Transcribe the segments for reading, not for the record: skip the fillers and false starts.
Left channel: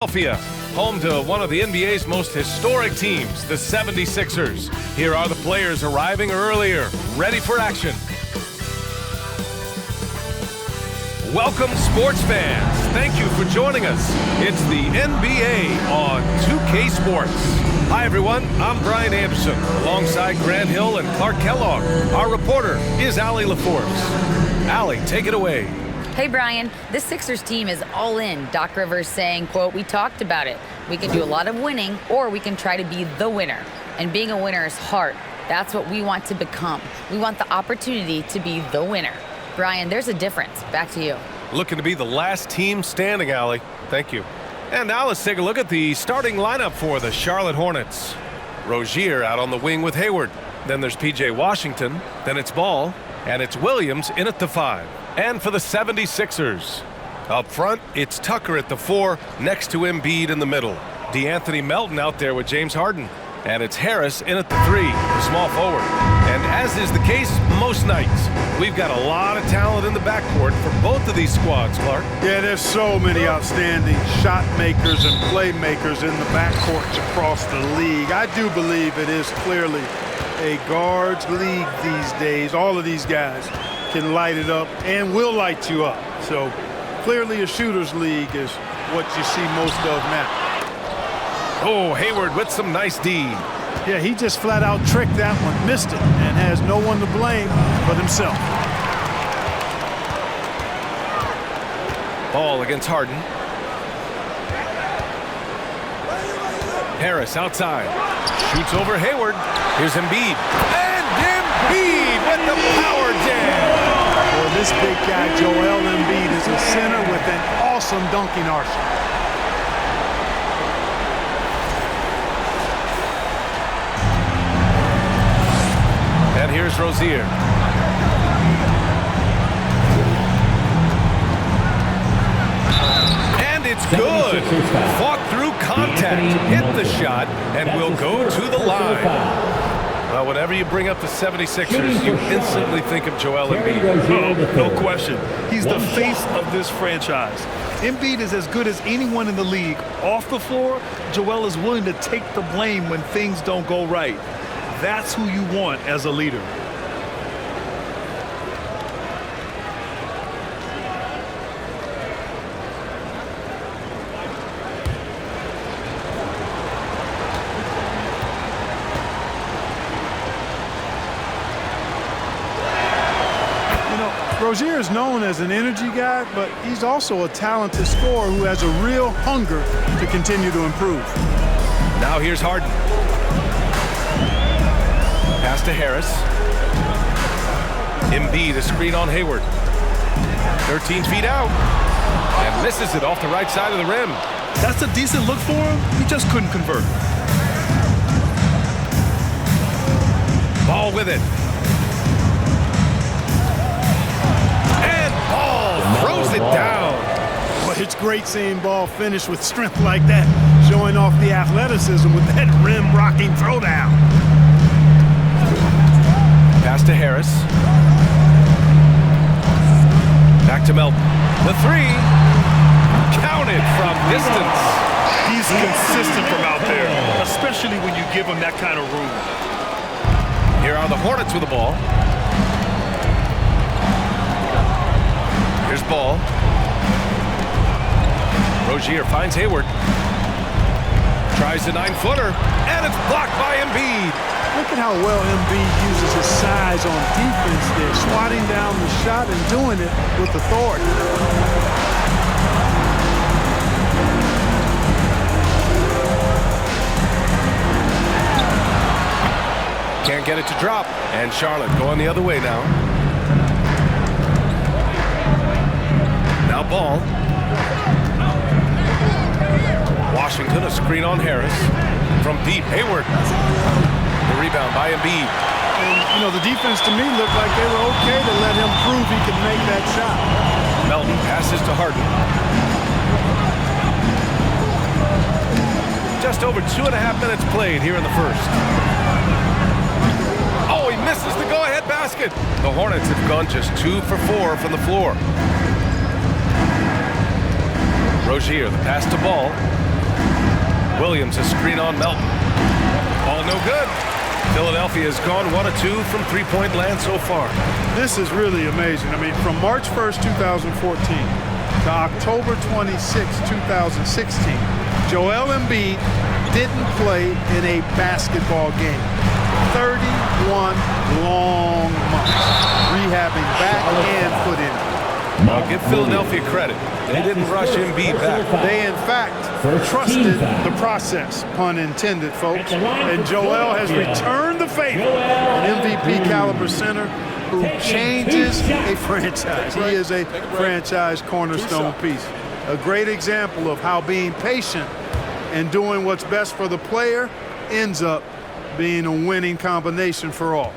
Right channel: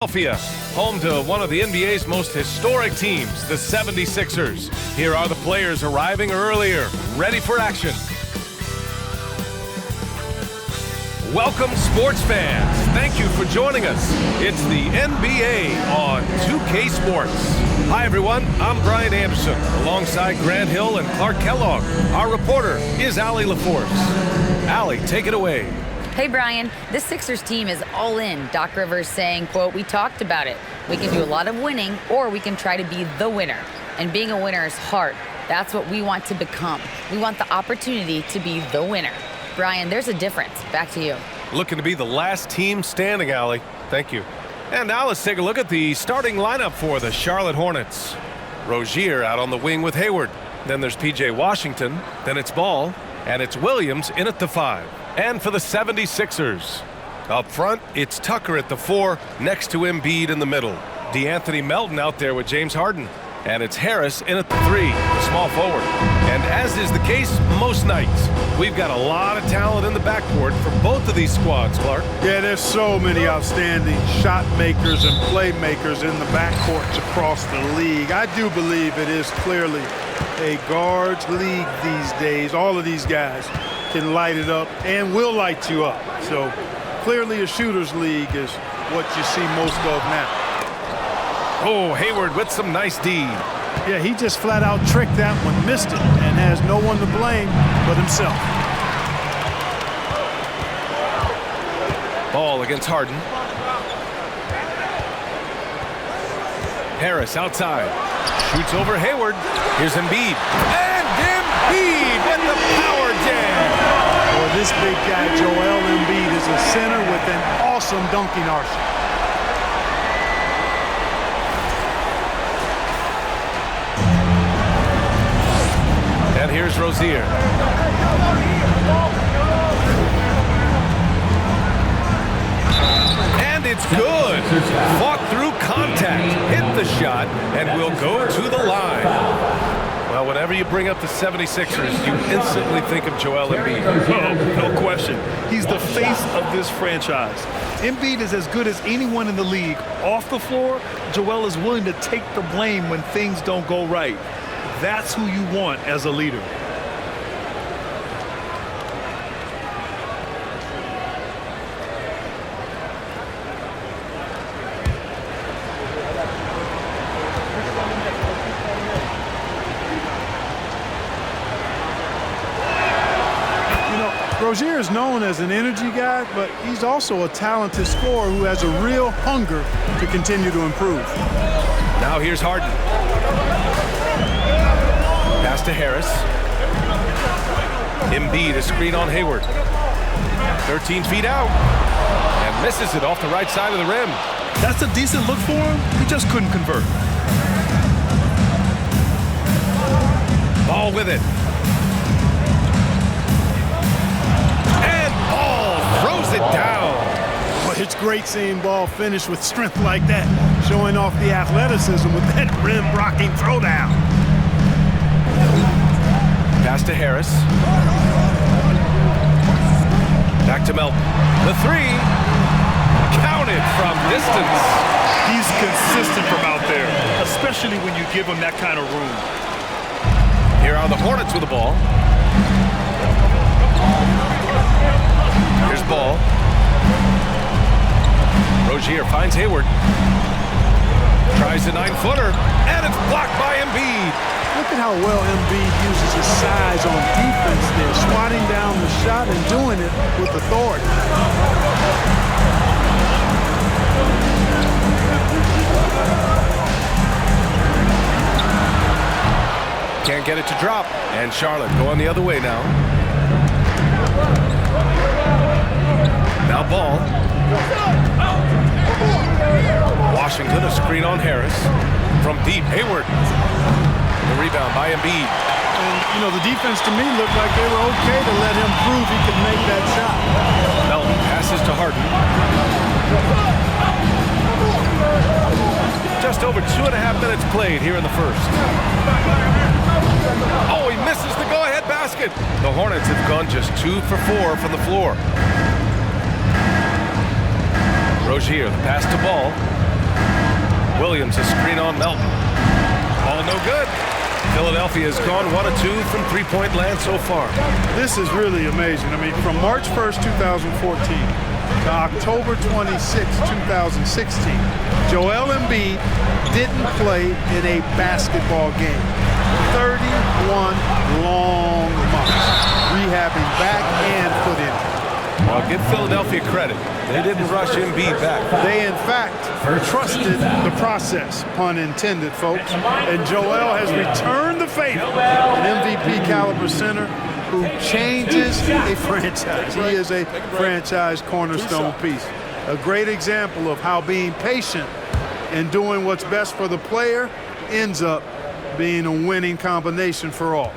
Philadelphia, home to one of the NBA's most historic teams, the 76ers. Here are the players arriving earlier, ready for action. Welcome, sports fans. Thank you for joining us. It's the NBA on 2K Sports. Hi, everyone. I'm Brian Anderson, alongside Grant Hill and Clark Kellogg. Our reporter is Allie LaForce. Allie, take it away. Hey, Brian, this Sixers team is all in. Doc Rivers saying, quote, "We talked about it. We can do a lot of winning, or we can try to be the winner. And being a winner is hard. That's what we want to become. We want the opportunity to be the winner." Brian, there's a difference. Back to you. Looking to be the last team standing, Allie. Thank you. And now let's take a look at the starting lineup for the Charlotte Hornets. Rozier out on the wing with Hayward. Then there's P.J. Washington. Then it's Ball. And it's Williams in at the 5. And for the 76ers, up front, it's Tucker at the 4, next to Embiid in the middle. DeAnthony Melton out there with James Harden. And it's Harris in at the 3, the small forward. And as is the case most nights, we've got a lot of talent in the backcourt for both of these squads, Clark. Yeah, there's so many outstanding shot makers and playmakers in the backcourts across the league. I do believe it is clearly a guards league these days. All of these guys can light it up and will light you up. So clearly a shooter's league is what you see most of now. Oh, Hayward with some nice D. Yeah, he just flat out tricked that one, missed it, and has no one to blame but himself. Ball against Harden. Harris outside. Shoots over Hayward. Here's Embiid. And Embiid with the power jam. Boy, this big guy, Joel Embiid, is a center with an awesome dunking arsenal. And here's Rozier. And it's good. Fought through contact, hit the shot, and will go to the line. Well, whenever you bring up the 76ers, you instantly think of Joel Embiid. Oh, no question. He's the face of this franchise. Embiid is as good as anyone in the league. Off the floor, Joel is willing to take the blame when things don't go right. That's who you want as a leader. Rozier is known as an energy guy, but he's also a talented scorer who has a real hunger to continue to improve. Now here's Harden. Pass to Harris. Embiid, a screen on Hayward. 13 feet out. And misses it off the right side of the rim. That's a decent look for him. He just couldn't convert. Ball with it. Ball throws it down. Well, it's great seeing Ball finish with strength like that, showing off the athleticism with that rim-rocking throwdown. Pass to Harris. Back to Melton. The 3. Counted from distance. He's consistent from out there, especially when you give him that kind of room. Here are the Hornets with the ball. Here's Ball. Rozier finds Hayward. Tries the 9-footer, and it's blocked by Embiid. Look at how well Embiid uses his size on defense there, swatting down the shot and doing it with authority. Can't get it to drop, and Charlotte going the other way now. Now Ball. Washington, a screen on Harris. From deep, Hayward. The rebound by Embiid. And, the defense to me looked like they were okay to let him prove he could make that shot. Melton passes to Harden. Just over 2.5 minutes played here in the first. Oh, he misses the go-ahead basket. The Hornets have gone just 2 for 4 from the floor. Rozier, the pass to Ball. Williams, a screen on Melton. Ball no good. Philadelphia has gone 1 of 2 from three-point land so far. This is really amazing. I mean, from March 1st, 2014 to October 26, 2016, Joel Embiid didn't play in a basketball game. 31 long months, rehabbing back and foot injury. Now give Philadelphia credit. They didn't rush Embiid back. They, in fact, trusted the process, pun intended, folks. And Joel has returned the favor, an MVP caliber center who changes a franchise. He is a franchise cornerstone piece. A great example of how being patient and doing what's best for the player ends up being a winning combination for all.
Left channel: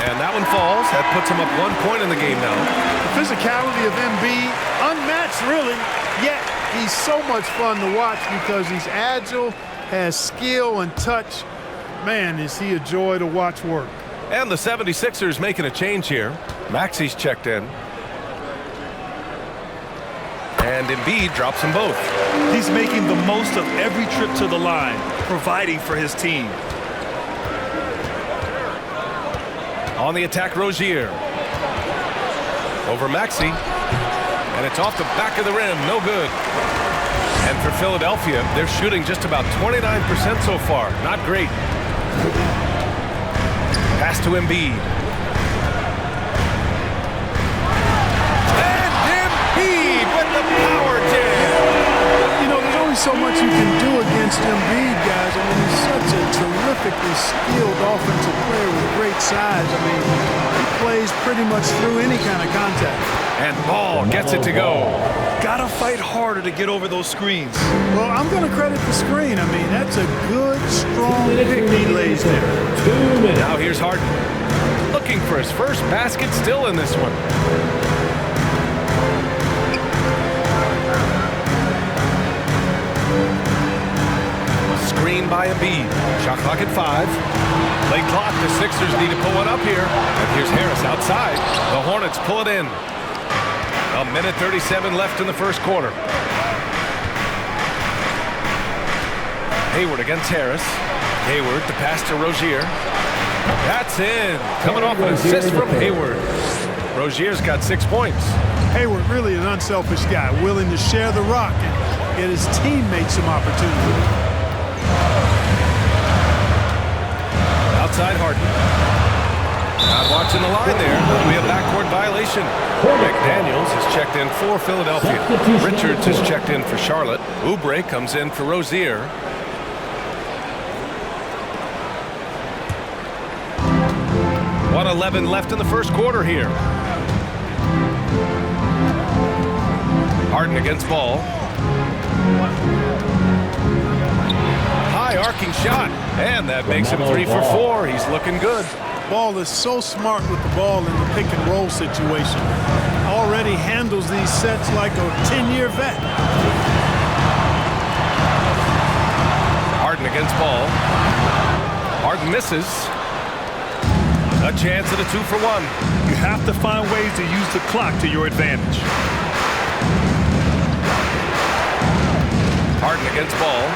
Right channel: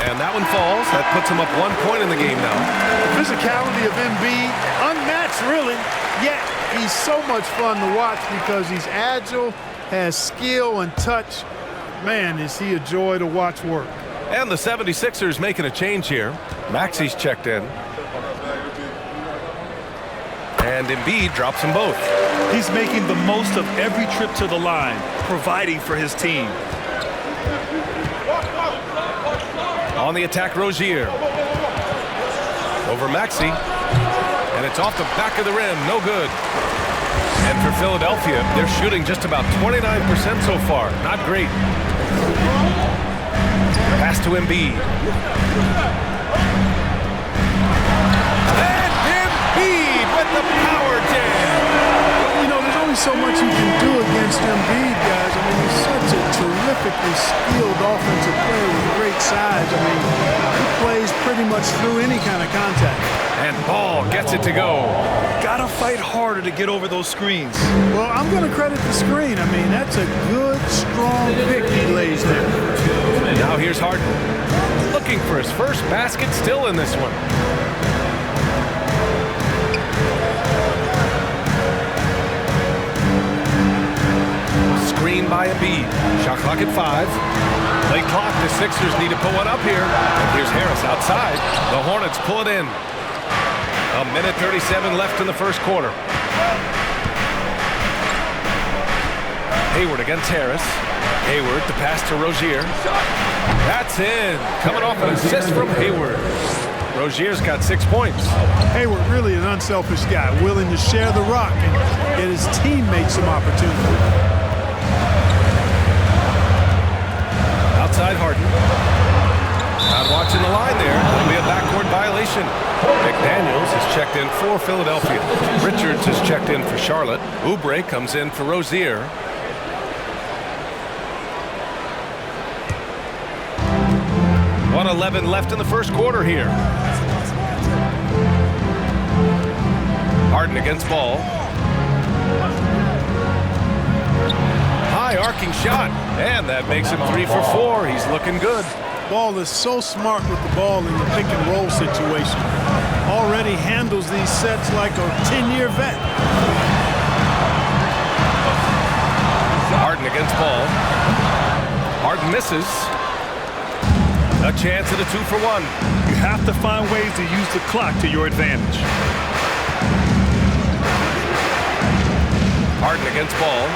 And that one falls. That puts him up 1 point in the game now. The physicality of Embiid, unmatched really, yet he's so much fun to watch because he's agile, has skill and touch. Man, is he a joy to watch work. And the 76ers making a change here. Maxi's checked in. And Embiid drops them both. He's making the most of every trip to the line, providing for his team. On the attack, Rozier. Over Maxey. And it's off the back of the rim. No good. And for Philadelphia, they're shooting just about 29% so far. Not great. Pass to Embiid. And Embiid with the power jam. You know, there's only so much you can do against Embiid, guys. I mean, he's such a terrifically skilled offensive player with great size. I mean, he plays pretty much through any kind of contact. And Ball gets it to go. Gotta fight harder to get over those screens. Well, I'm going to credit the screen. I mean, that's a good, strong pick he lays there. Now here's Harden. Looking for his first basket, still in this one. Screen by Embiid. Shot clock at 5. Late clock. The Sixers need to put one up here. And here's Harris outside. The Hornets pull it in. 1:37 left in the first quarter. Hayward against Harris. Hayward, the pass to Rozier. That's in. Coming off an assist from Hayward. Rozier's got 6 points. Hayward, really an unselfish guy, willing to share the rock and get his teammates some opportunity. Outside Harden. Not watching the line there. That'll be a backcourt violation. McDaniels is checked in for Philadelphia. Richards is checked in for Charlotte. Oubre comes in for Rozier. .11 left in the first quarter here. Harden against Ball. High arcing shot, and that makes him 3 for 4. He's looking good. Ball is so smart with the ball in the pick and roll situation. Already handles these sets like a 10-year vet. Harden against Ball. Harden misses. A chance at a 2 for 1. You have to find ways to use the clock to your advantage. Harden against Ball.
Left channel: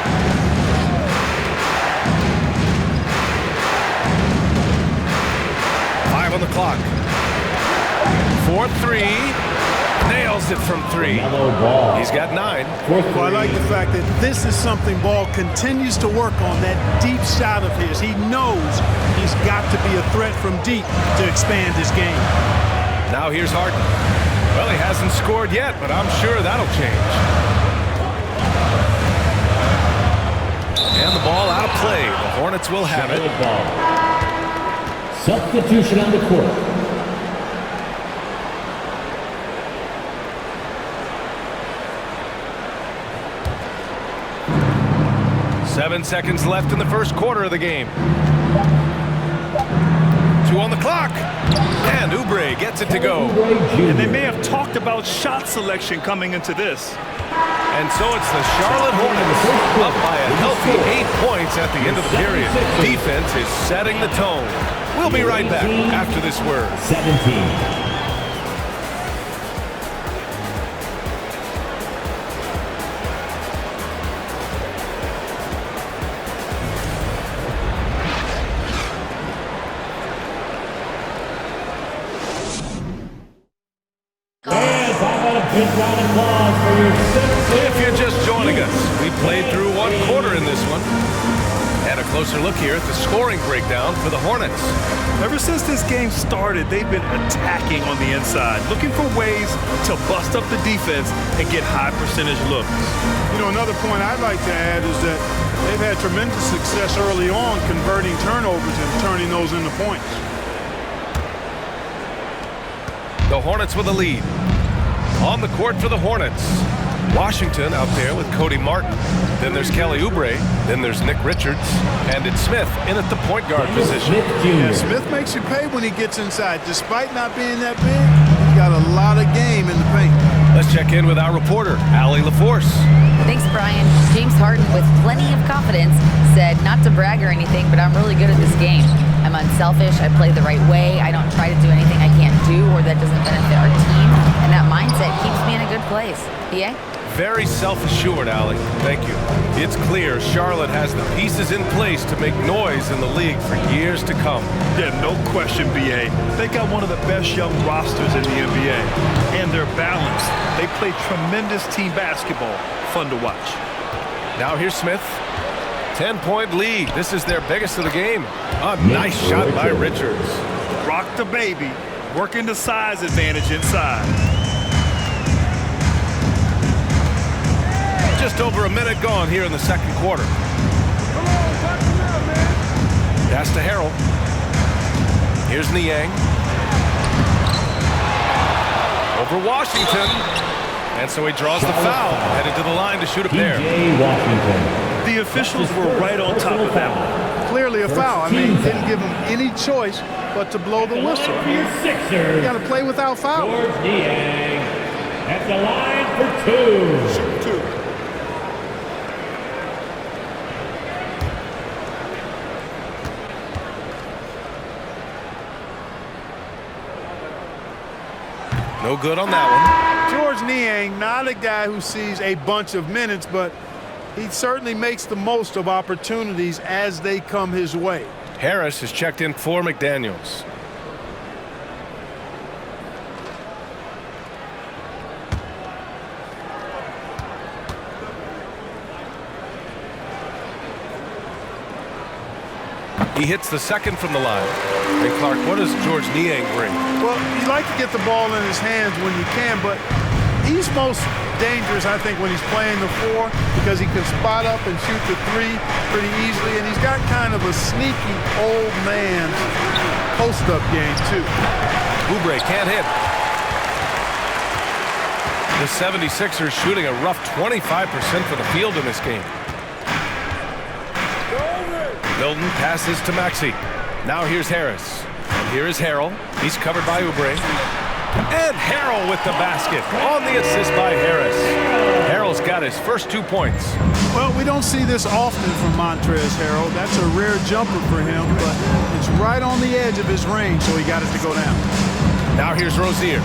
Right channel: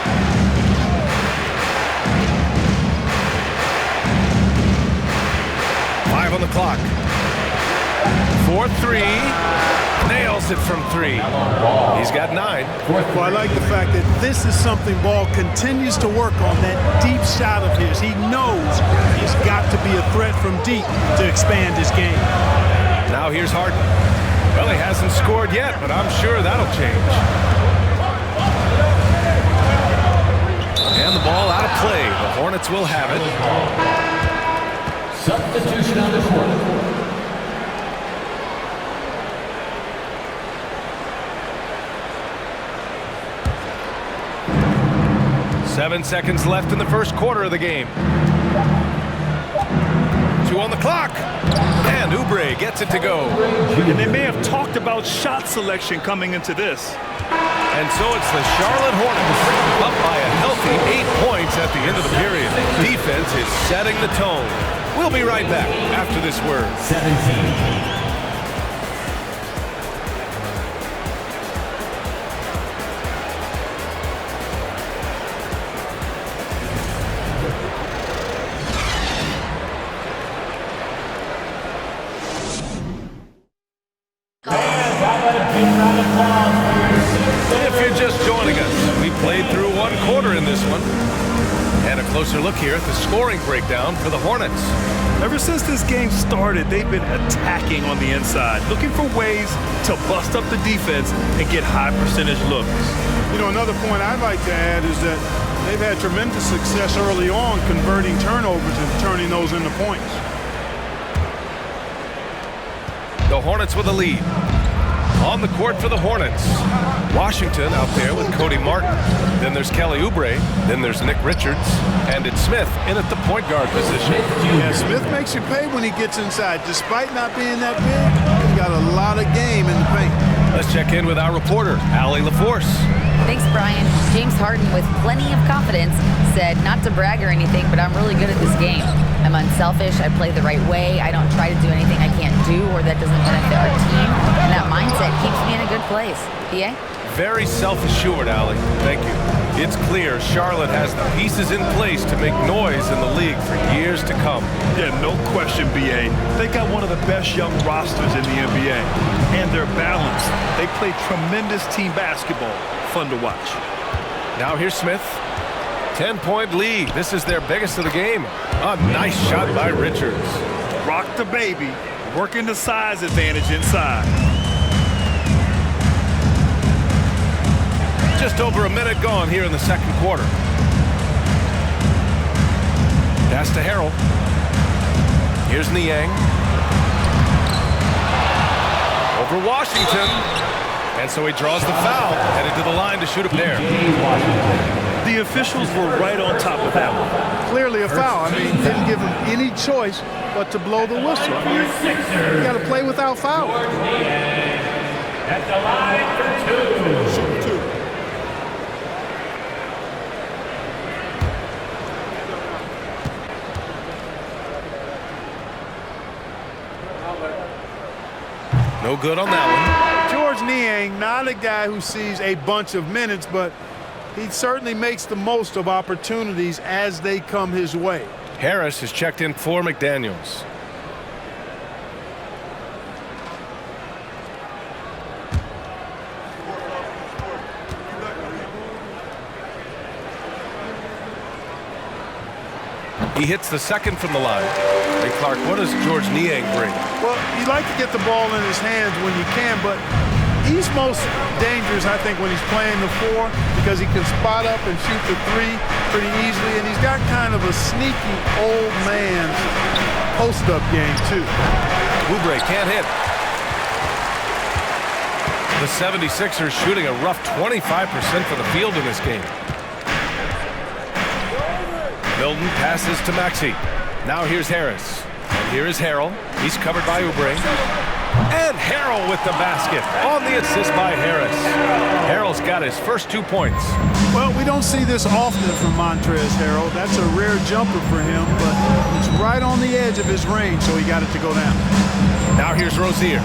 Five on the clock. 4-3. Nails it from 3. He's got 9. Well, I like the fact that this is something Ball continues to work on, that deep shot of his. He knows he's got to be a threat from deep to expand his game. Now here's Harden. Well, he hasn't scored yet, but I'm sure that'll change. And the ball out of play. The Hornets will have it. Substitution on the court. 7 seconds left in the first quarter of the game. 2 on the clock. And Oubre gets it to go. And they may have talked about shot selection coming into this. And so it's the Charlotte Hornets up by a healthy 8 points at the end of the period. Defense is setting the tone. We'll be right back after this word. 17. If you're just joining us, we played through one quarter in this one. And a closer look here at the scoring breakdown for the Hornets. Ever since this game started, they've been attacking on the inside, looking for ways to bust up the defense and get high percentage looks. You know, another point I'd like to add is that they've had tremendous success early on converting turnovers and turning those into points. The Hornets with a lead. On the court for the Hornets. Washington out there with Cody Martin. Then there's Kelly Oubre. Then there's Nick Richards. And it's Smith in at the point guard position. Yeah, Smith makes you pay when he gets inside. Despite not being that big, he's got a lot of game in the paint. Let's check in with our reporter, Allie LaForce. Thanks, Brian. James Harden, with plenty of confidence, said not to brag or anything, but I'm really good at this game. I'm unselfish. I play the right way. I don't try to do anything I can't do or that doesn't benefit our team. And that mindset keeps me in a good place. BA? Very self-assured, Allie. Thank you. It's clear Charlotte has the pieces in place to make noise in the league for years to come. Yeah, no question, BA. They got one of the best young rosters in the NBA. And they're balanced. They play tremendous team basketball. Fun to watch. Now here's Smith. 10-point lead. This is their biggest of the game. A nice shot by Richards. Rock the baby. Working the size advantage inside. Just over a minute gone here in the second quarter. Pass to Harrell. Here's Niang. Over Washington. And so he draws the foul, headed to the line to shoot a pair. The officials were right on top of that one. Clearly a foul. I mean, didn't give him any choice but to blow the whistle. I mean, you got to play without foul. At the line for two. Shoot two. No good on that one. George Niang, not a guy who sees a bunch of minutes, but he certainly makes the most of opportunities as they come his way. Harris has checked in for McDaniels. He hits the second from the line. And Clark, what does George Niang bring? Well, you like to get the ball in his hands when you can, but he's most dangerous, I think, when he's playing the four because he can spot up and shoot the three pretty easily, and he's got kind of a sneaky old man's post-up game, too. Oubre can't hit. The 76ers shooting a rough 25% from the field in this game. Milton passes to Maxey. Now here's Harris. And here is Harrell. He's covered by Oubre. And Harrell with the basket on the assist by Harris. Harrell's got his first 2 points. Well, we don't see this often from Montrezl Harrell. That's a rare jumper for him, but it's right on the edge of his range, so he got it to go down. Now here's Rozier.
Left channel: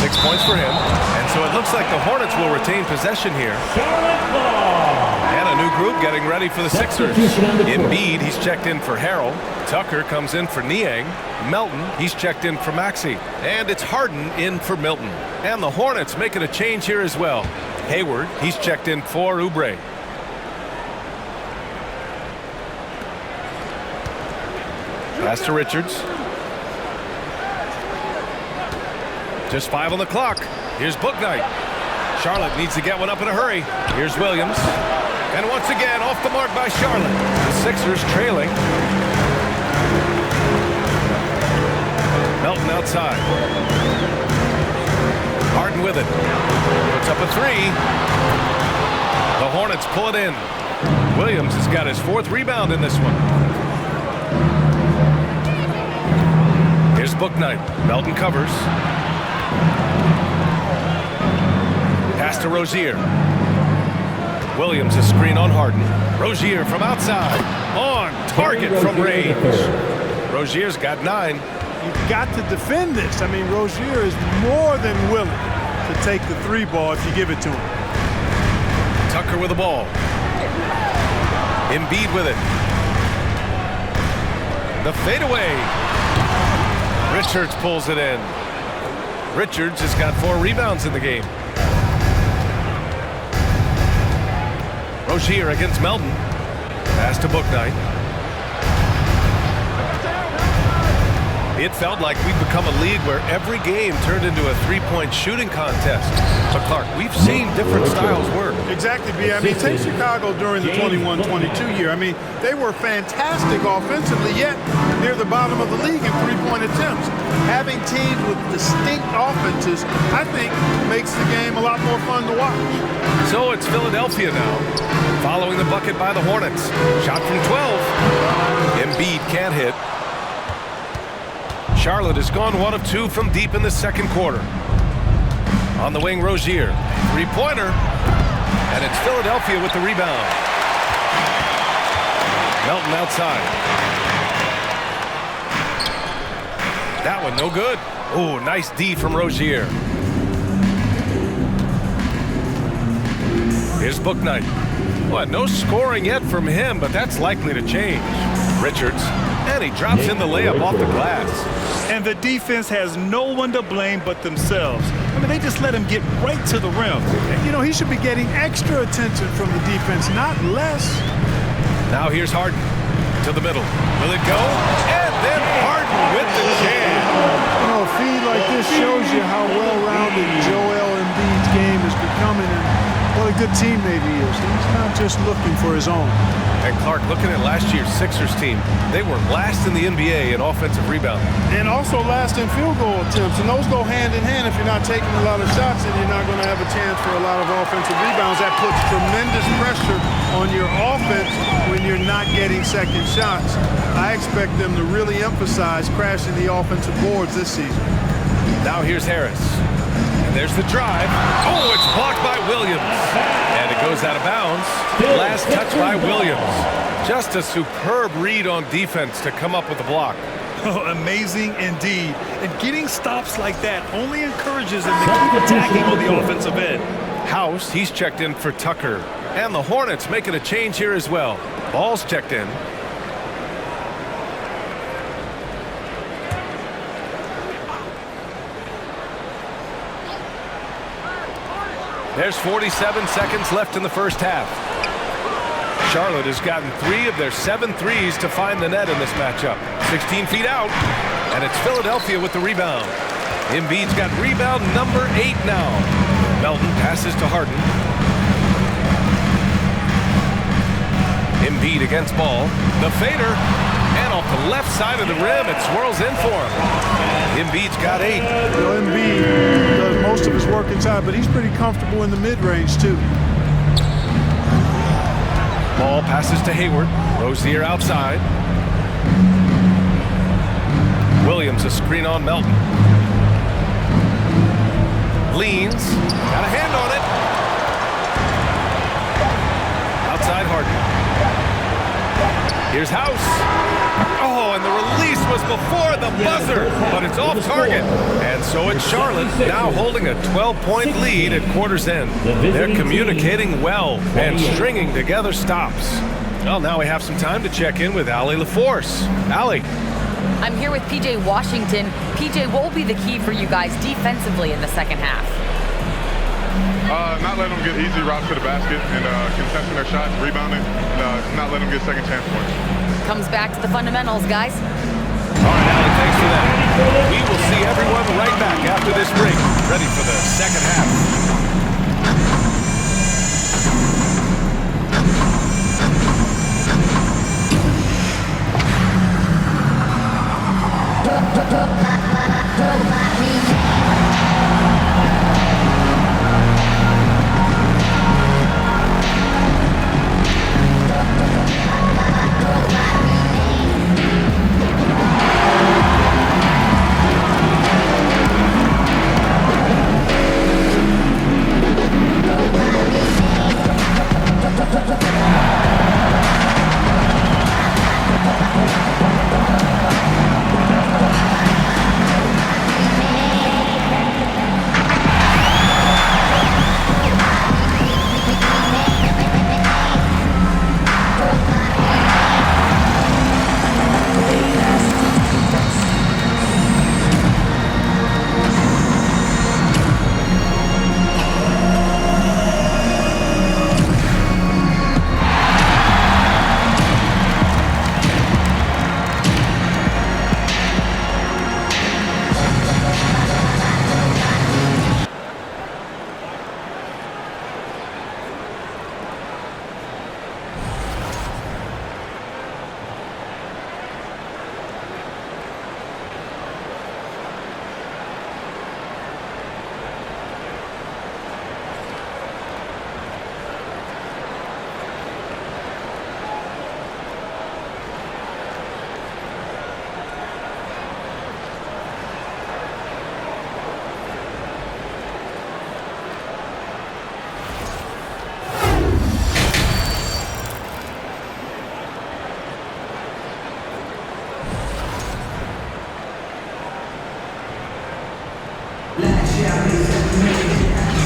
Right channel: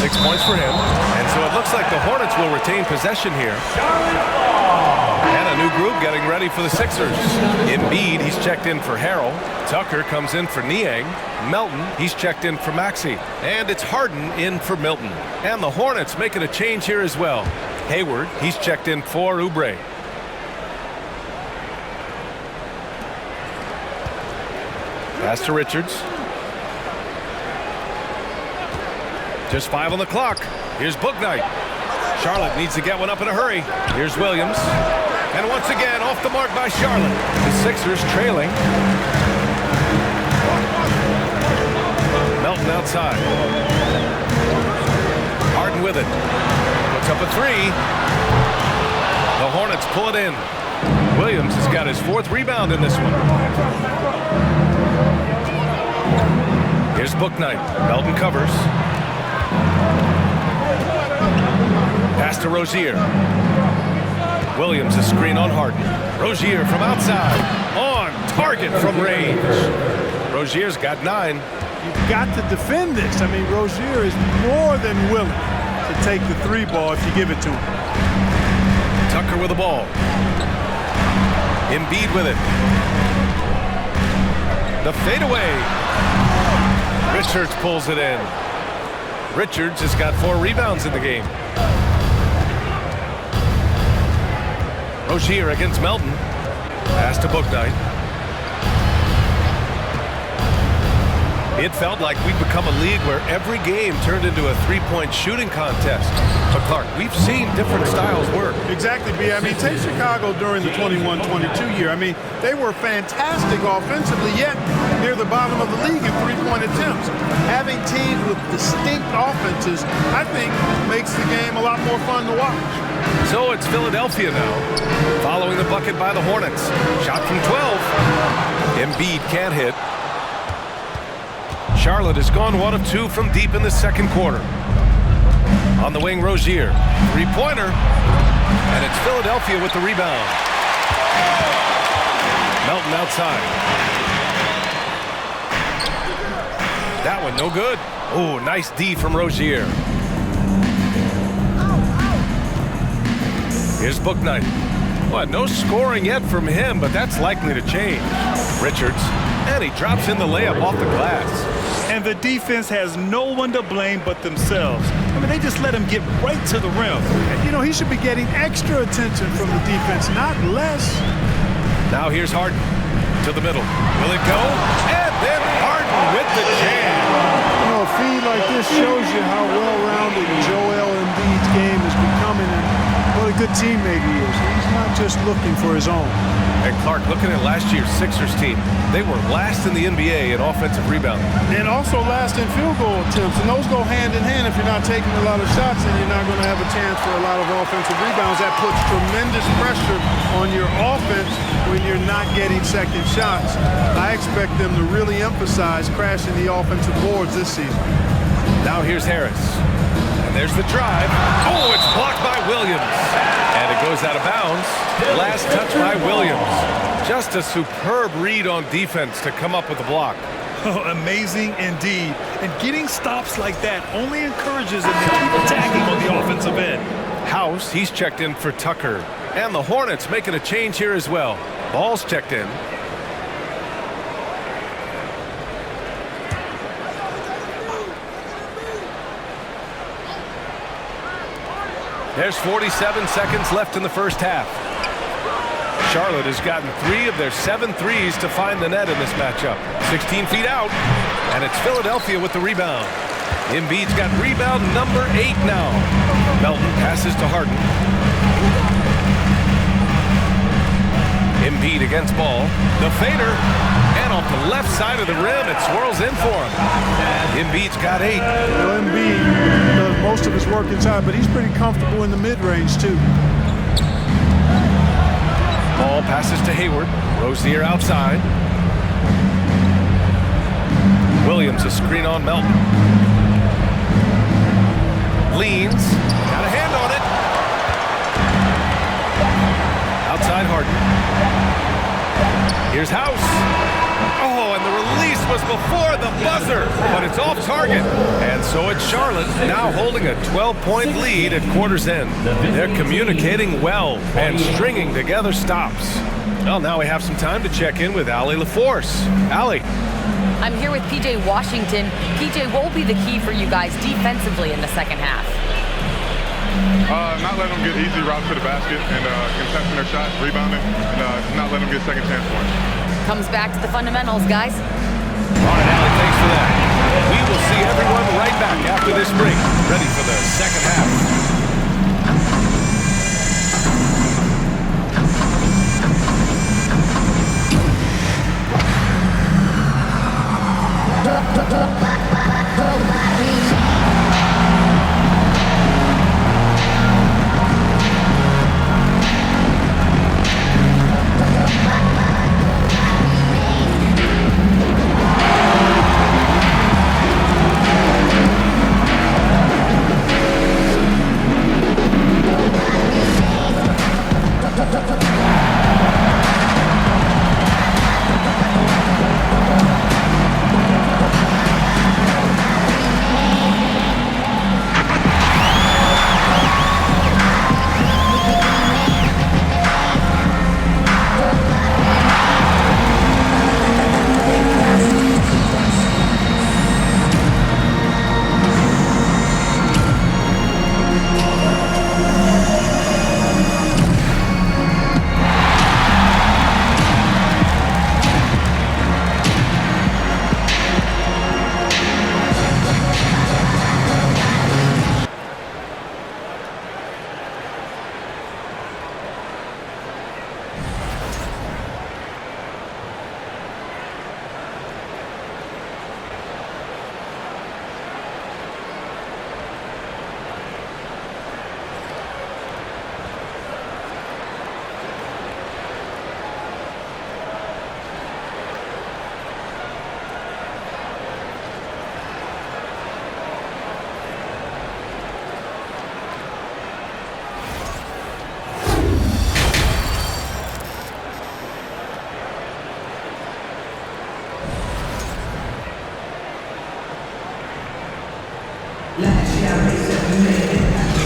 6 points for him. And so it looks like the Hornets will retain possession here. And a new group getting ready for the Sixers. Embiid, he's checked in for Harrell. Tucker comes in for Niang. Melton, he's checked in for Maxey. And it's Harden in for Milton. And the Hornets making a change here as well. Hayward, he's checked in for Oubre. Pass to Richards. Just 5 on the clock. Here's Bouknight. Charlotte needs to get one up in a hurry. Here's Williams. And once again, off the mark by Charlotte. The Sixers trailing. Melton outside. Harden with it. Puts up a three. The Hornets pull it in. Williams has got his 4th rebound in this one. Here's Bouknight. Melton covers. Pass to Rozier. Williams a screen on Harden. Rozier from outside. On target from range. Rozier's got 9. You've got to defend this. I mean, Rozier is more than willing to take the 3 ball if you give it to him. Tucker with the ball. Embiid with it. The fadeaway. Richards pulls it in. Richards has got 4 rebounds in the game. Rozier against Melton. Pass to Booknight. It felt like we'd become a league where every game turned into a three-point shooting contest. But Clark, we've seen different styles work. Exactly, B. I mean, take Chicago during the 21-22 year. I mean, they were fantastic offensively, yet near the bottom of the league in three-point attempts. Having teams with distinct offenses, I think, makes the game a lot more fun to watch. So it's Philadelphia now, following the bucket by the Hornets. Shot from 12. Embiid can't hit. Charlotte has gone 1 of 2 from deep in the second quarter. On the wing, Rozier. Three-pointer. And it's Philadelphia with the rebound. Melton outside. That one no good. Oh, nice D from Rozier. Here's Booknight. Well, no scoring yet from him, but that's likely to change. Richards. And he drops in the layup off the glass. And the defense has no one to blame but themselves. I mean, they just let him get right to the rim. You know, he should be getting extra attention from the defense, not less. Now here's Harden to the middle. Will it go? And then Harden with the jam. You know, a feed like this shows you how well-rounded Joel Embiid's game is becoming and what a good teammate he is. He's not just looking for his own. And Clark, looking at last year's Sixers team, they were last in the NBA in offensive rebounding. And also last in field goal attempts. And those go hand in hand. If you're not taking a lot of shots, then you're not going to have a chance for a lot of offensive rebounds. That puts tremendous pressure on your offense when you're not getting second shots. I expect them to really emphasize crashing the offensive boards this season. Now here's Harris. And there's the drive. Oh, it's blocked by Williams. And it goes out of bounds. Last touch by Williams. Just a superb read on defense to come up with the block. Oh, amazing indeed. And getting stops like that only encourages them to keep attacking on the offensive end. House, he's checked in for Tucker. And the Hornets making a change here as well. Ball's checked in. There's 47 seconds left in the first half. Charlotte has gotten 3 of their 7 threes to find the net in this matchup. 16 feet out, and it's Philadelphia with the rebound. Embiid's got rebound number 8 now. Melton passes to Harden. Embiid against Ball. The fader, and off the left side of the rim, it swirls in for him. Embiid's got 8. You know, Embiid does most of his work inside, but he's pretty comfortable in the mid-range, too. Ball passes to Hayward. Rozier outside. Williams a screen on Melton. Leans. Got a hand on it. Outside Harden. Here's House. Oh, and the release was before the buzzer, but it's off target. And so it's Charlotte now holding a 12-point lead at quarter's end. They're communicating well and stringing together stops. Well, now we have some time to check in with Allie LaForce. Allie. I'm here with PJ Washington. PJ, what will be the key for you guys defensively in the second half? Not letting them get easy routes to the basket and contesting their shots, rebounding, and not letting them get second chance points. Comes back to the fundamentals, guys. All right, Allie, thanks for that. We will see everyone right back after this break, ready for the second half.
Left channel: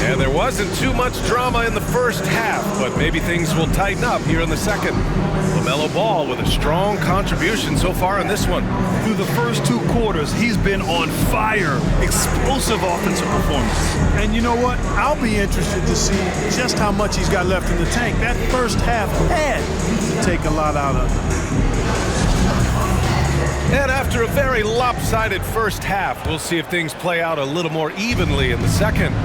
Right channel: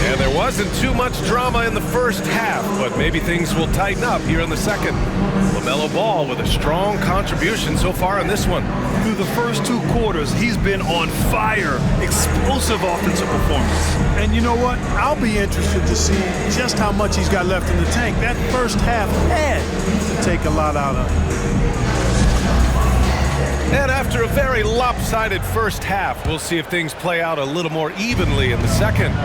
And there wasn't too much drama in the first half, but maybe things will tighten up here in the second. LaMelo Ball with a strong contribution so far in this one. Through the first 2 quarters, he's been on fire. Explosive offensive performance. And you know what? I'll be interested to see just how much he's got left in the tank. That first half had to take a lot out of it. And after a very lopsided first half, we'll see if things play out a little more evenly in the second.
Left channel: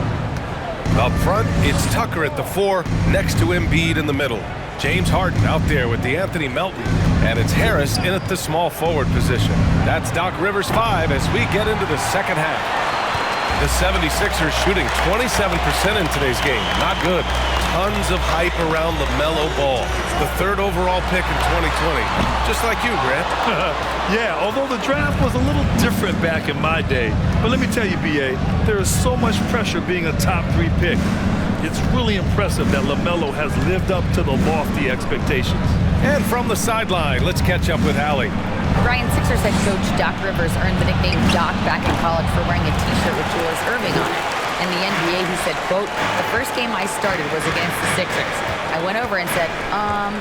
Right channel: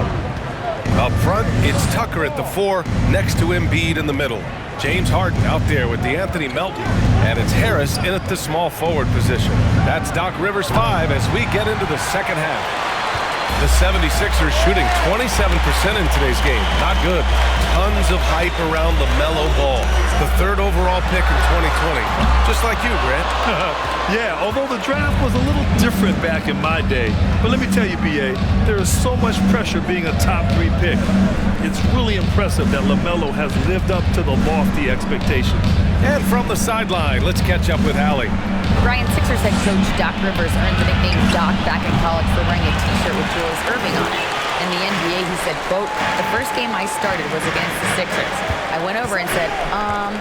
Up front, it's Tucker at the 4, next to Embiid in the middle. James Harden out there with DeAnthony Melton, and it's Harris in at the small forward position. That's Doc Rivers' 5 as we get into the second half. The 76ers shooting 27% in today's game. Not good. Tons of hype around LaMelo Ball, the 3rd overall pick in 2020. Just like you, Grant. Yeah, although the draft was a little different back in my day. But let me tell you, B.A., there is so much pressure being a top 3 pick. It's really impressive that LaMelo has lived up to the lofty expectations. And from the sideline, let's catch up with Allie. Ryan, Sixers head coach Doc Rivers earned the nickname Doc back in college for wearing a T-shirt with Julius Erving on it. In the NBA, he said, quote, "The first game I started was against the Sixers. I went over and said,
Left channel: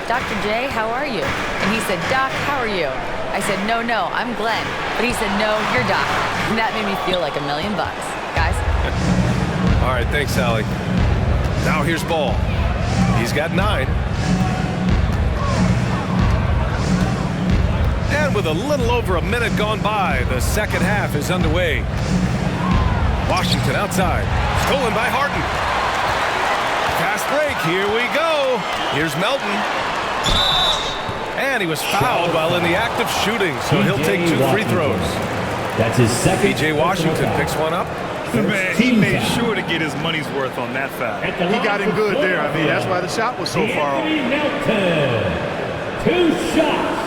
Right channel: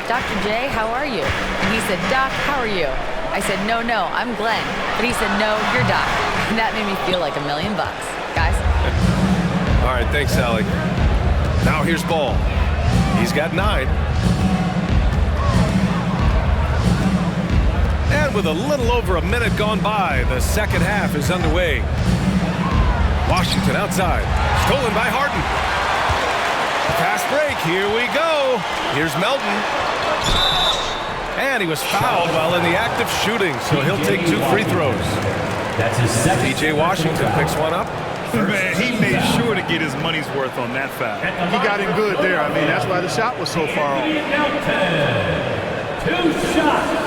Dr. J, how are you?" And he said, "Doc, how are you?" I said, no, I'm Glenn." But he said, "No, you're Doc." And that made me feel like $1 million. Guys? All right, thanks, Allie. Now here's Ball. He's got 9. And with a little over a minute gone by, the second half is underway. Washington outside. Stolen by Harden. Fast break. Here we go. Here's Melton. And he was fouled while in the act of shooting, so he'll take 2 free throws. That's his second. P.J. Washington picks one up. Man, he made sure to get his money's worth on that foul. He got him good there. I mean, that's why the shot was so far off. Melton. 2 shots.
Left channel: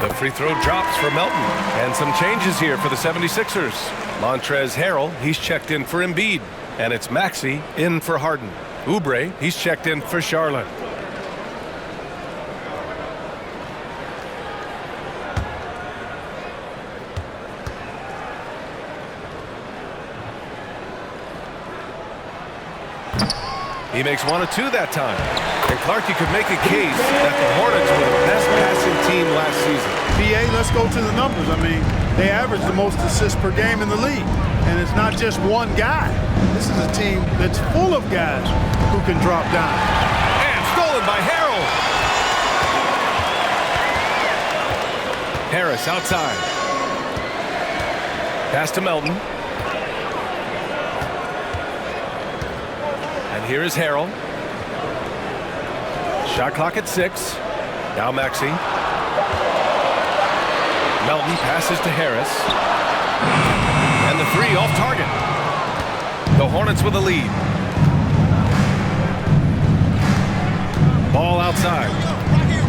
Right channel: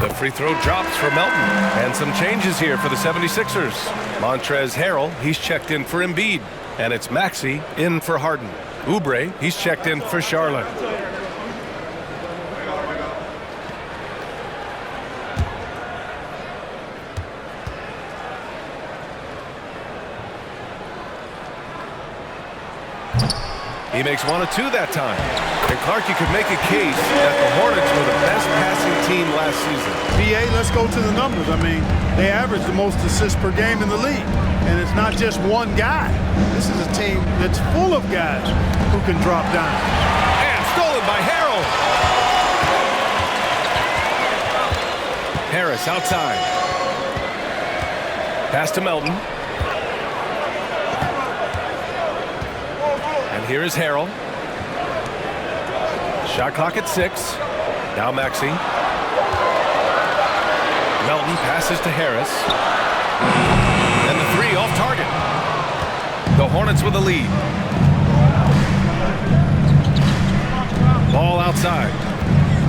The free throw drops for Melton. And some changes here for the 76ers. Montrezl Harrell, he's checked in for Embiid. And it's Maxey in for Harden. Oubre, he's checked in for Charlotte. He makes 1 of 2 that time. And Clark, you could make a case that the Hornets were the best passing team last season. PA, let's go to the numbers. I mean, they average the most assists per game in the league. And it's not just one guy. This is a team that's full of guys who can drop dimes. And stolen by Harrell. Harris outside. Pass to Melton. And here is Harrell. Shot clock at 6. Now Maxey. Melton passes to Harris. And the 3 off target. The Hornets with a lead. Ball outside.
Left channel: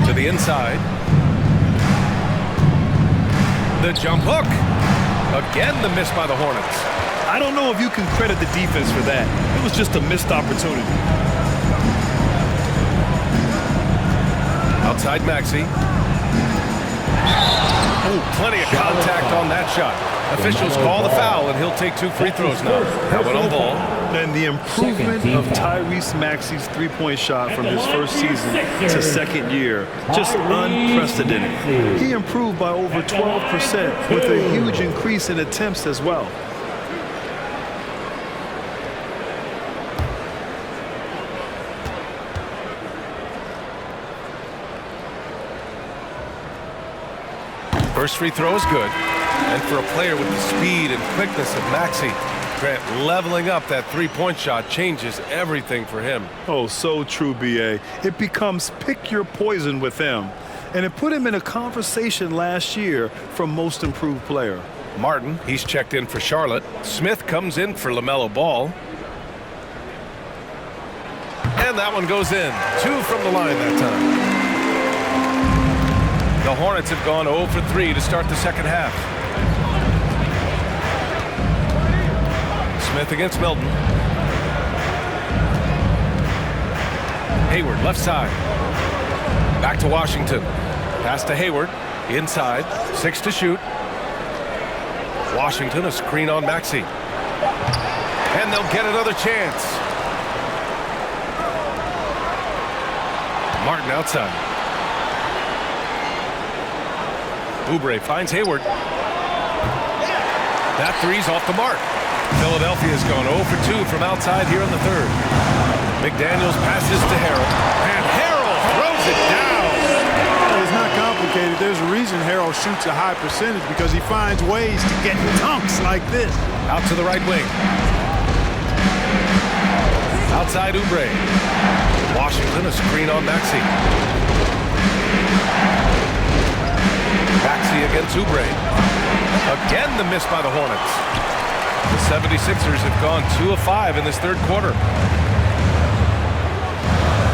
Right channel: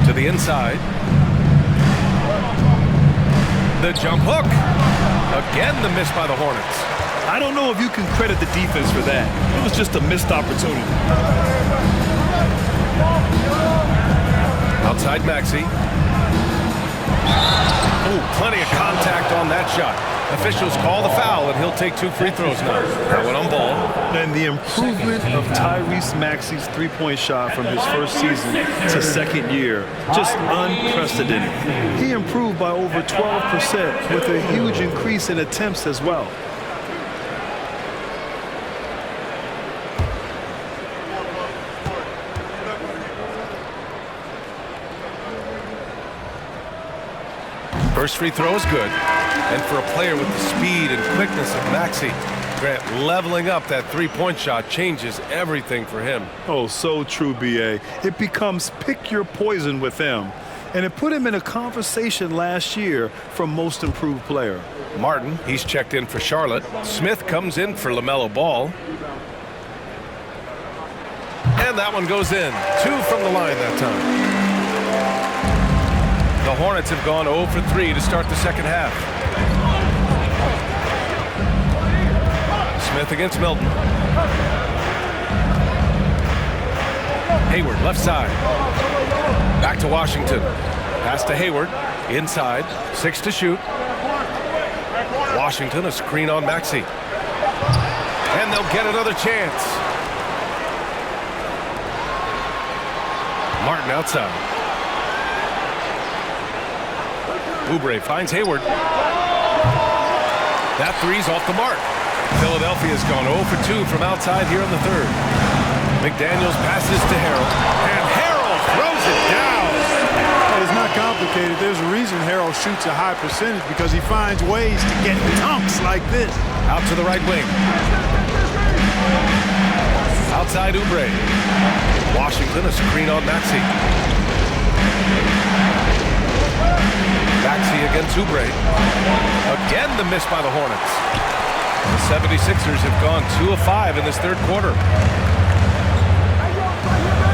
To the inside. The jump hook. Again, the miss by the Hornets. I don't know if you can credit the defense for that. It was just a missed opportunity. Outside Maxey. Oh, plenty of contact on that shot. Officials call the foul, and he'll take 2 free throws now. That one on Ball. And the improvement of Tyrese Maxey's three-point shot from his first season to second year, just unprecedented. He improved by over 12% with a huge increase in attempts as well. First free throw is good. And for a player with the speed and quickness of Maxey, Grant, leveling up that three-point shot changes everything for him. Oh, so true, B.A. It becomes pick your poison with him. And it put him in a conversation last year for most improved player. Martin, he's checked in for Charlotte. Smith comes in for LaMelo Ball. And that one goes in. 2 from the line that time. The Hornets have gone 0 for 3 to start the second half. Smith against Melton. Hayward, left side. Back to Washington. Pass to Hayward. Inside. 6 to shoot. Washington, a screen on Maxey. And they'll get another chance. Martin outside. Oubre finds Hayward. That three's off the mark. Philadelphia's gone 0 for 2 from outside here in the third. McDaniels passes to Harrell. And Harrell throws it down. It's not complicated. There's a reason Harrell shoots a high percentage, because he finds ways to get dunks like this. Out to the right wing. Outside Oubre. Washington, a screen on Maxey. Maxey against Oubre. Again, the miss by the Hornets. The 76ers have gone 2 of 5 in this third quarter.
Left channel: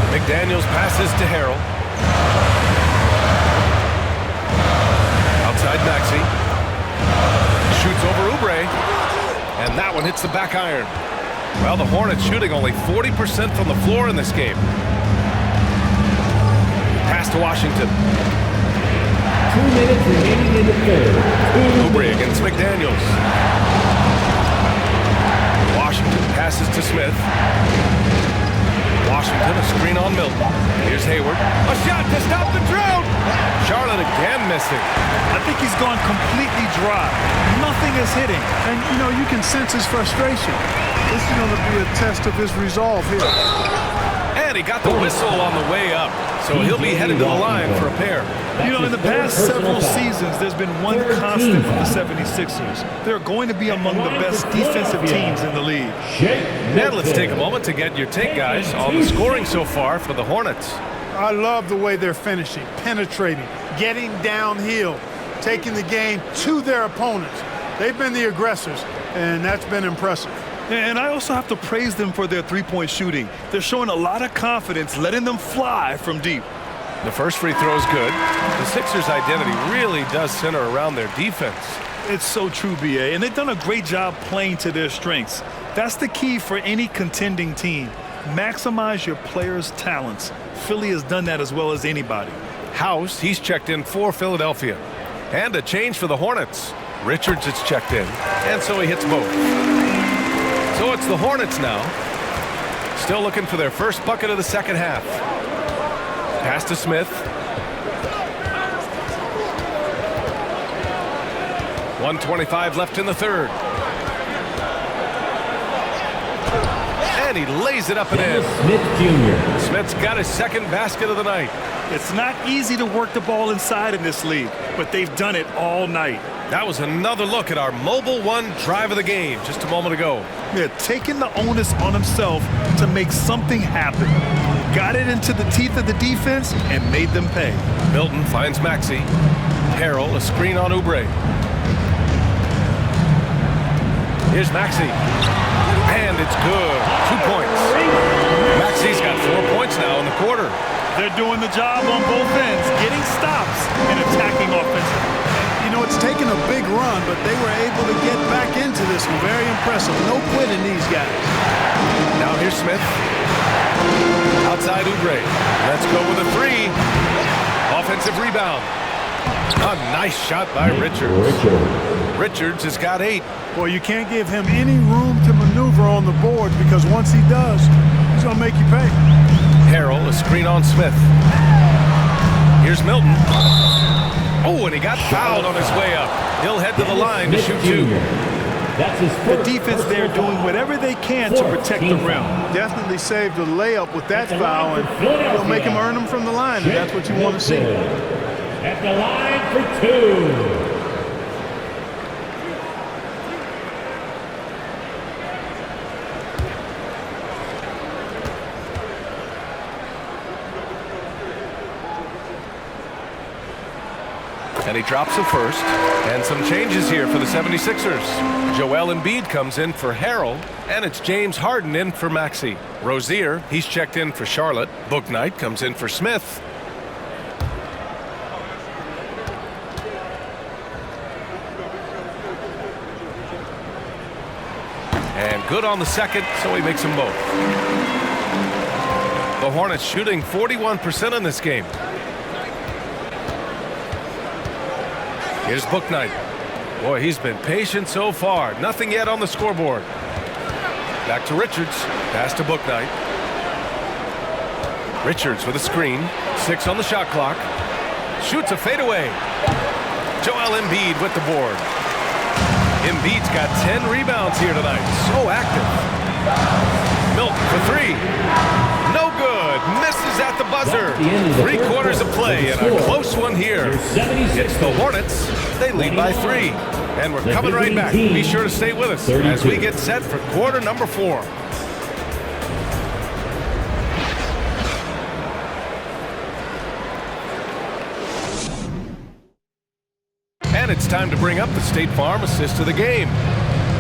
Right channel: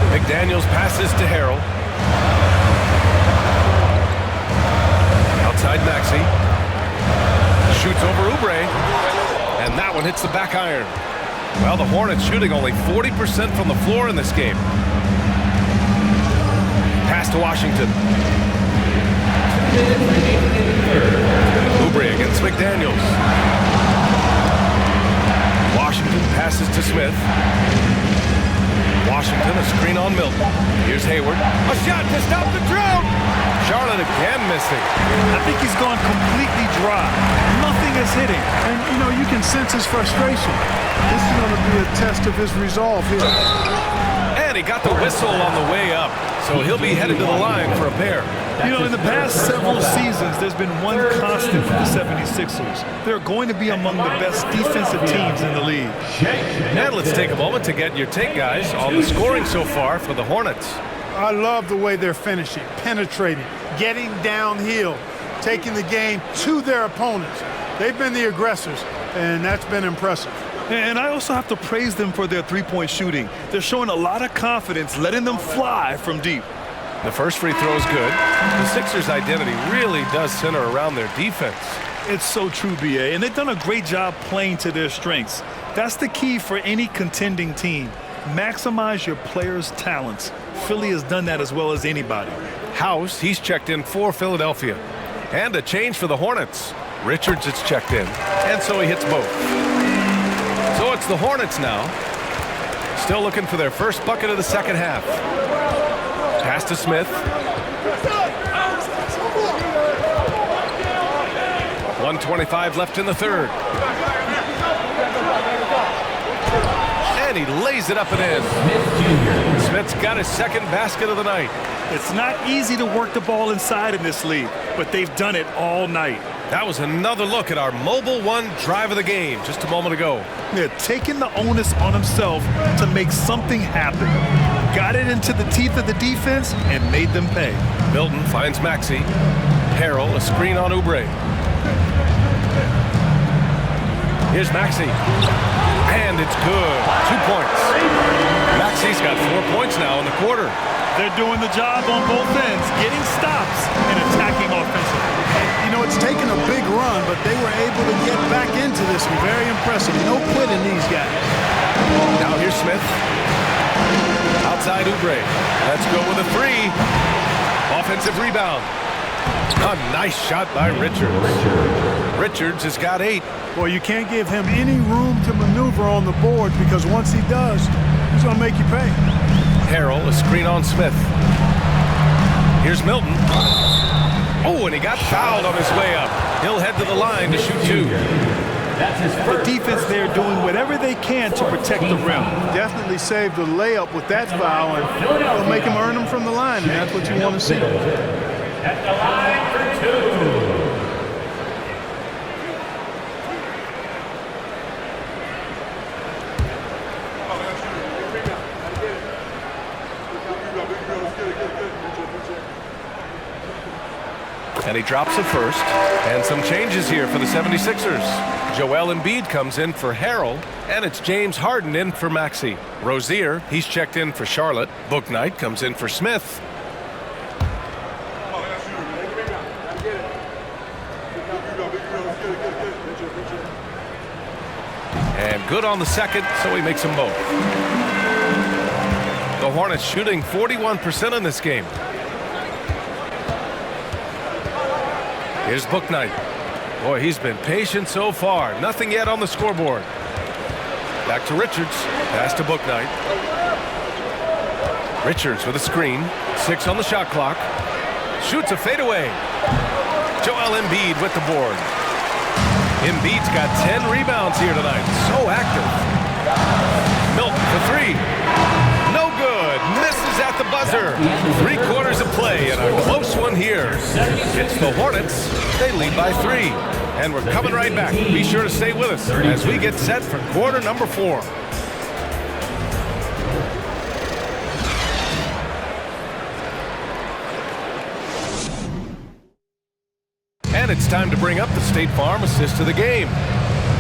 McDaniels passes to Harrell. Outside Maxey. Shoots over Oubre. And that one hits the back iron. Well, the Hornets shooting only 40% from the floor in this game. Pass to Washington. 2 minutes remaining in the third. Oubre against McDaniels. Washington passes to Smith. Washington, a screen on Milton. Here's Hayward. A shot to stop the drought. Charlotte again missing. I think he's gone completely dry. Nothing is hitting. And, you know, you can sense his frustration. This is going to be a test of his resolve here. And he got the whistle on the way up. So he'll be headed to the line for a pair. You know, in the past several seasons, there's been one constant with the 76ers. They're going to be among the best defensive teams in the league. And let's take a moment to get your take, guys, on the scoring so far for the Hornets. I love the way they're finishing, penetrating, getting downhill, taking the game to their opponents. They've been the aggressors, and that's been impressive. And I also have to praise them for their three-point shooting. They're showing a lot of confidence, letting them fly from deep. The first free throw is good. The Sixers' identity really does center around their defense. It's so true, B.A., and they've done a great job playing to their strengths. That's the key for any contending team. Maximize your players' talents. Philly has done that as well as anybody. House, he's checked in for Philadelphia. And a change for the Hornets. Richards is checked in, and so he hits both. So it's the Hornets now. Still looking for their first bucket of the second half. Pass to Smith. 1:25 left in the third. And he lays it up and in. Smith Jr. Smith's got his second basket of the night. It's not easy to work the ball inside in this league, but they've done it all night. That was another look at our Mobile One drive of the game just a moment ago. They're taking the onus on himself to make something happen. Got it into the teeth of the defense and made them pay. Milton finds Maxey. Harrell, a screen on Oubre. Here's Maxey. And it's good. 2 points. Maxey's got 4 points now in the quarter. They're doing the job on both ends, getting stops and attacking offensively. You know, it's taken a big run, but they were able to get back into this one. Very impressive. No quitting these guys. Now here's Smith. Outside Oubre. Let's go with a three. Offensive rebound. A nice shot by Richards. Richards has got 8. Boy, you can't give him any room to maneuver on the boards, because once he does, he's going to make you pay. Harrell, a screen on Smith. Here's Milton. Oh, and he got fouled on his way up. He'll head to the line to shoot 2. That's his The defense there doing whatever they can to protect the rim. Definitely saved a layup with that foul, and he'll make him earn them from the line, and that's what you want to see. At the line for 2. And he drops the first. And some changes here for the 76ers. Joel Embiid comes in for Harrell, and it's James Harden in for Maxey. Rozier, he's checked in for Charlotte. Bouknight comes in for Smith. And good on the second, so he makes them both. The Hornets shooting 41% in this game. Here's Bouknight. Boy, he's been patient so far. Nothing yet on the scoreboard. Back to Richards. Pass to Bouknight. Richards with a screen. 6 on the shot clock. Shoots a fadeaway. Joel Embiid with the board. Embiid's got 10 rebounds here tonight. So active. Milton for 3. No good. Misses at the buzzer. 3/4 of play and a close one here. It's the Hornets. They lead by 3. And we're coming right back. Be sure to stay with us as we get set for quarter number 4. And it's time to bring up the State Farm assist of the game.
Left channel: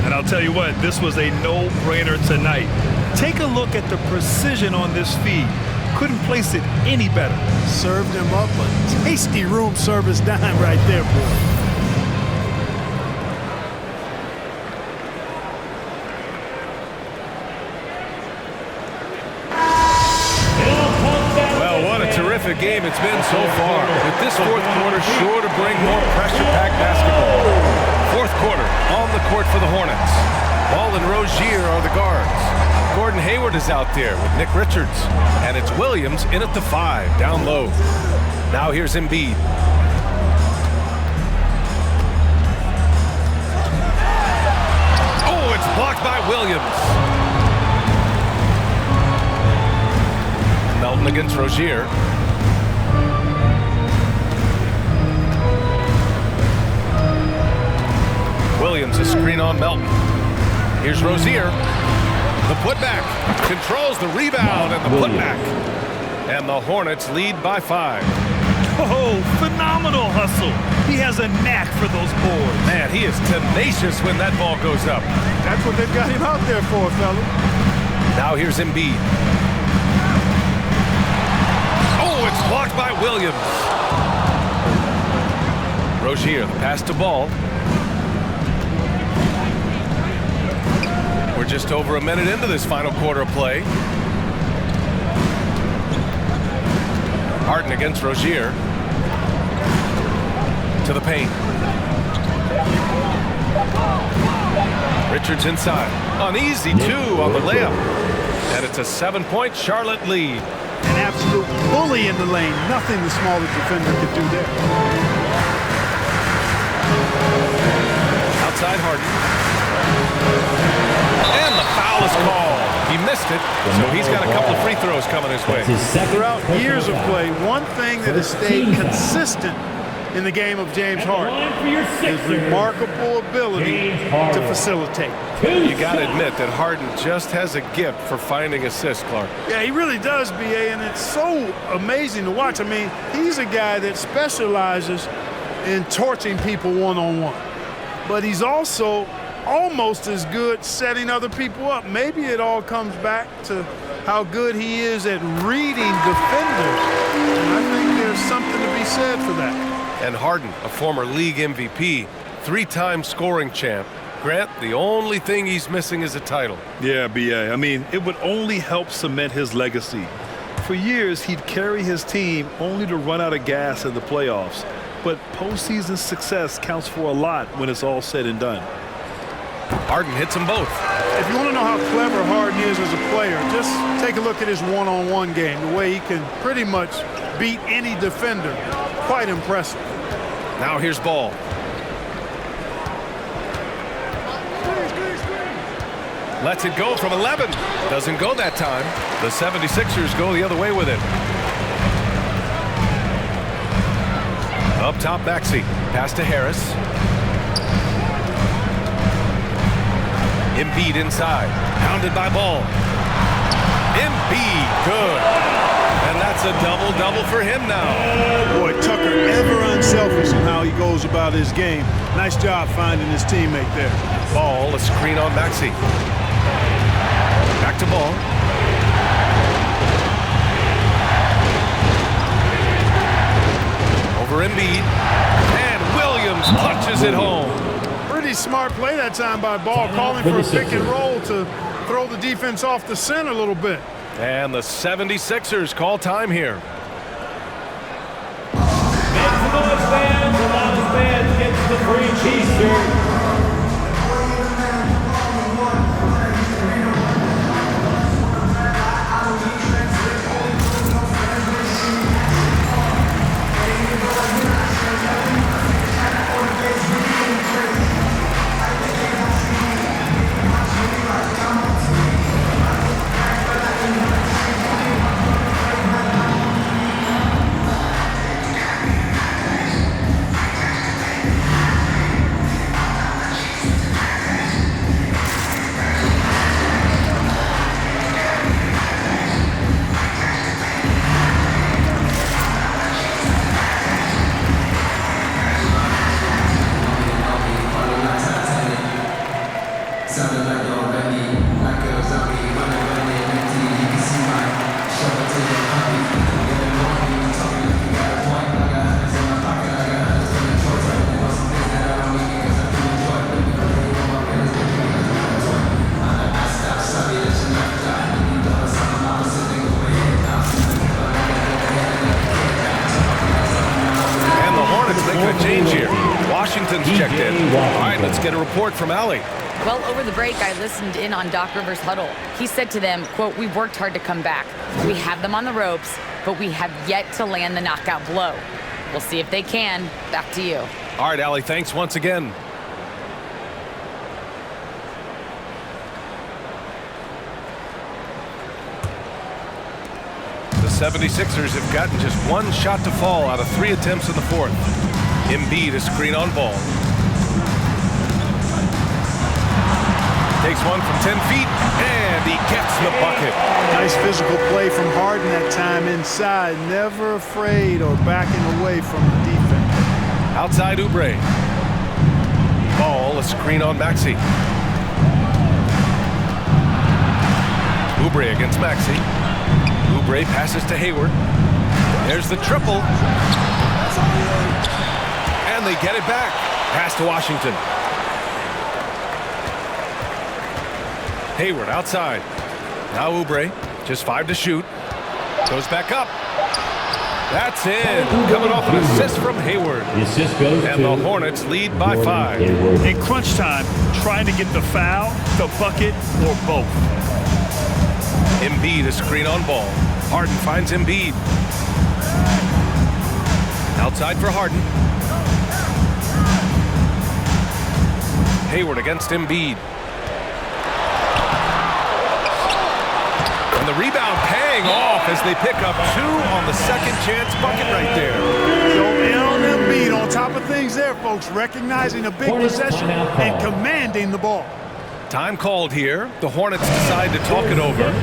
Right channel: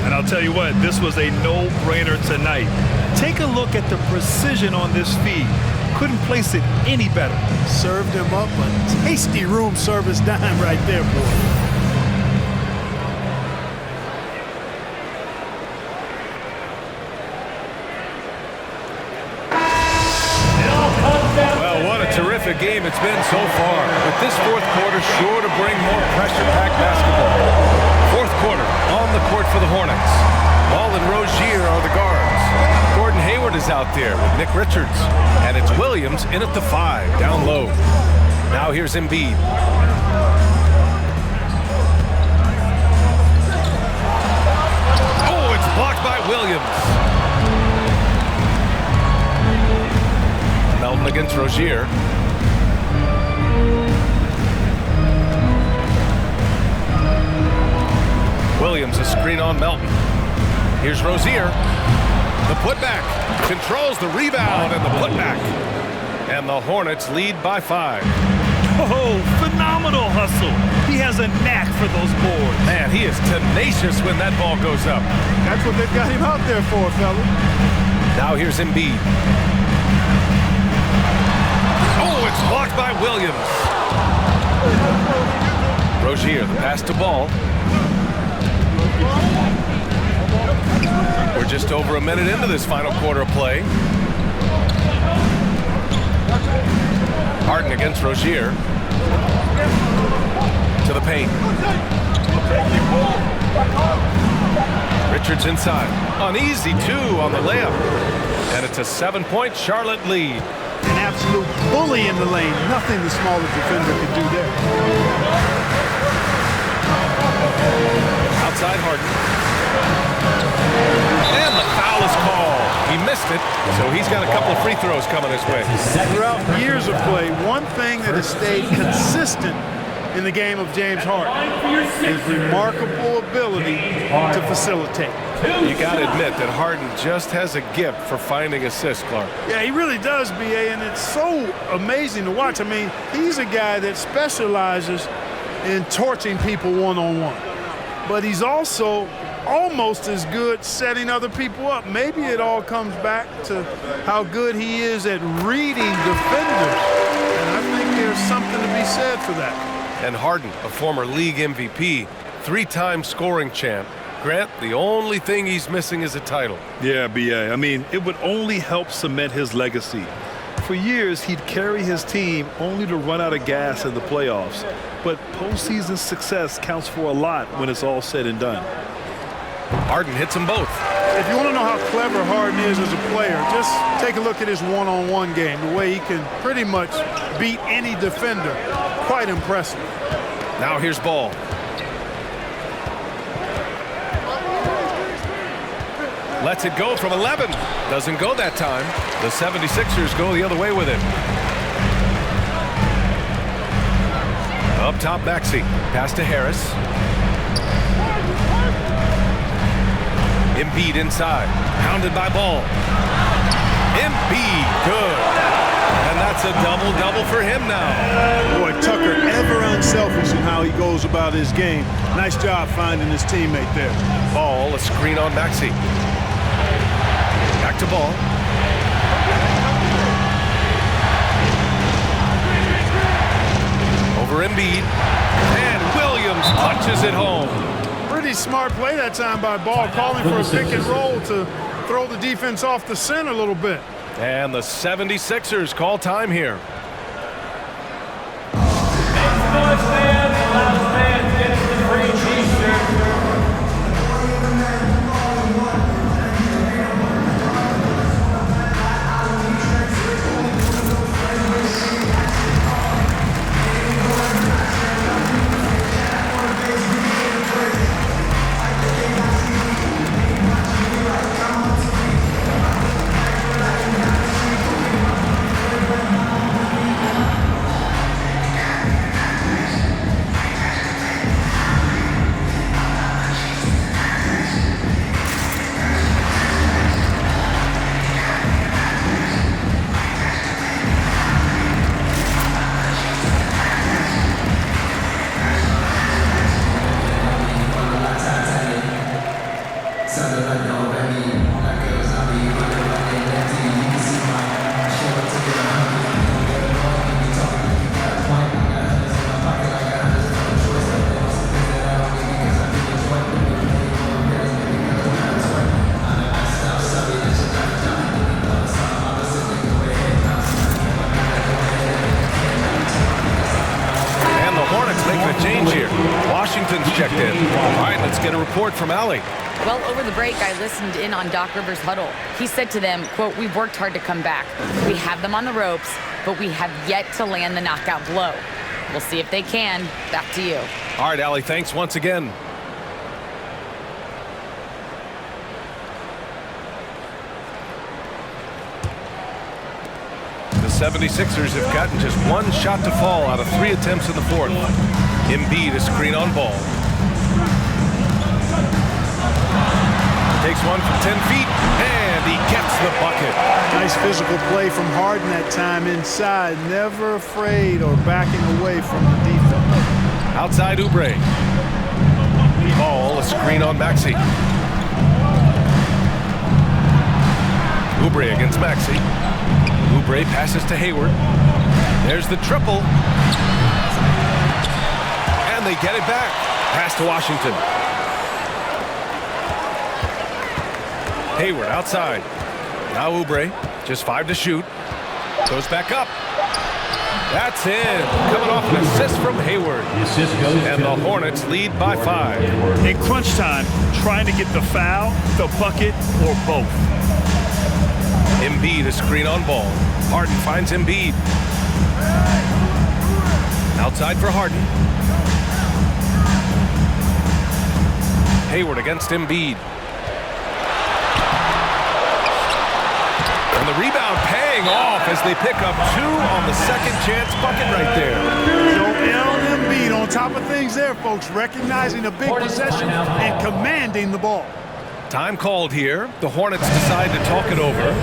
And I'll tell you what, this was a no-brainer tonight. Take a look at the precision on this feed. Couldn't place it any better. Served him up a tasty room service dime right there, boy. Well, what a terrific game it's been so far. With this fourth quarter sure to bring more pressure-packed basketball. Fourth quarter on the court for the Hornets. Ball and Rozier are the guards. Gordon Hayward is out there with Nick Richards. And it's Williams in at the 5, down low. Now here's Embiid. Oh, it's blocked by Williams. Melton against Rozier. Williams a screen on Melton. Here's Rozier. The putback. Controls the rebound and the putback. And the Hornets lead by 5. Oh, phenomenal hustle. He has a knack for those boards. Man, he is tenacious when that ball goes up. That's what they've got him out there for, fella. Now here's Embiid. Oh, it's blocked by Williams. Rozier, the pass to Ball. We're just over a minute into this final quarter of play. Harden against Rozier. To the paint. Richards inside. An easy 2 on the layup. And it's a 7-point Charlotte lead. An absolute bully in the lane. Nothing the smaller defender could do there. Outside Harden. And the foul is called. He missed it, so he's got a couple of free throws coming his way. Throughout years of play, one thing that has stayed consistent in the game of James Harden is remarkable ability to facilitate. You got to admit that Harden just has a gift for finding assists, Clark. Yeah, he really does, B.A., and it's so amazing to watch. I mean, he's a guy that specializes in torching people one-on-one. But he's also almost as good setting other people up. Maybe it all comes back to how good he is at reading defenders. And I think there's something to be said for that. And Harden, a former league MVP, 3-time scoring champ. Grant, the only thing he's missing is a title. Yeah, B.A. I mean, it would only help cement his legacy. For years, he'd carry his team only to run out of gas in the playoffs. But postseason success counts for a lot when it's all said and done. Harden hits them both. If you want to know how clever Harden is as a player, just take a look at his one-on-one game, the way he can pretty much beat any defender. Quite impressive. Now here's Ball. Lets it go from 11. Doesn't go that time. The 76ers go the other way with it. Up top, Maxey. Pass to Harris. Embiid inside. Pounded by Ball. Embiid, good. And that's a double-double for him now. Boy, Tucker ever unselfish in how he goes about his game. Nice job finding his teammate there. Ball, a screen on Maxey. Back to Ball. Over Embiid. And Williams punches it home. Pretty smart play that time by Ball, calling for a pick and roll to throw the defense off the scent a little bit. And the 76ers call time here. Make noise, fans. The loudest fans gets the free t-shirt. Making a change here. Washington's checked in. All right, let's get a report from Allie. Well, over the break, I listened in on Doc Rivers' huddle. He said to them, quote, "We've worked hard to come back. We have them on the ropes, but we have yet to land the knockout blow. We'll see if they can." Back to you. All right, Allie, thanks once again. The 76ers have gotten just one shot to fall out of 3 attempts in the fourth. Embiid a screen on ball. Takes one from 10 feet, and he gets the bucket. Nice physical play from Harden that time inside. Never afraid or backing away from the defense. Outside Oubre. Ball, a screen on Maxey. Oubre against Maxey. Oubre passes to Hayward. There's the triple. And they get it back. Pass to Washington. Hayward outside. Now Oubre, just 5 to shoot. Goes back up. That's in. Coming off an assist from Hayward. The assist goes and to the Hornets lead by 5. In crunch time, trying to get the foul, the bucket, or both. Embiid a screen on ball. Harden finds Embiid. Outside for Harden. Hayward against Embiid. And the rebound paying off as they pick up 2 on the second chance bucket right there. Joel Embiid on top of things there, folks, recognizing a big possession and commanding the ball. Time called here. The Hornets decide to talk it over.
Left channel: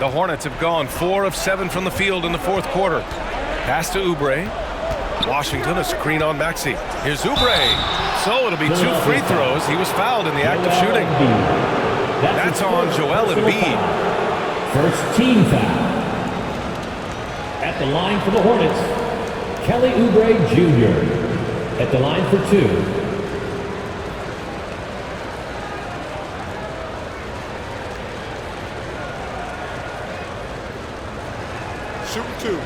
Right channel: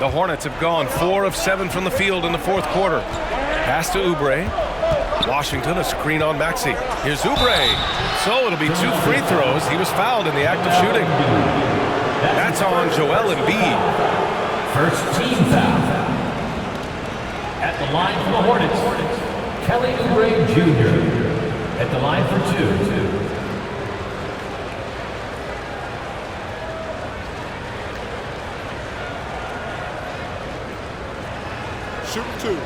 The Hornets have gone 4 of 7 from the field in the fourth quarter. Pass to Oubre. Washington, a screen on Maxey. Here's Oubre. So it'll be 2 free throws. He was fouled in the act of shooting. That's on Joel Embiid. First team foul. At the line for the Hornets, Kelly Oubre Jr. At the line for 2. Shooting 2.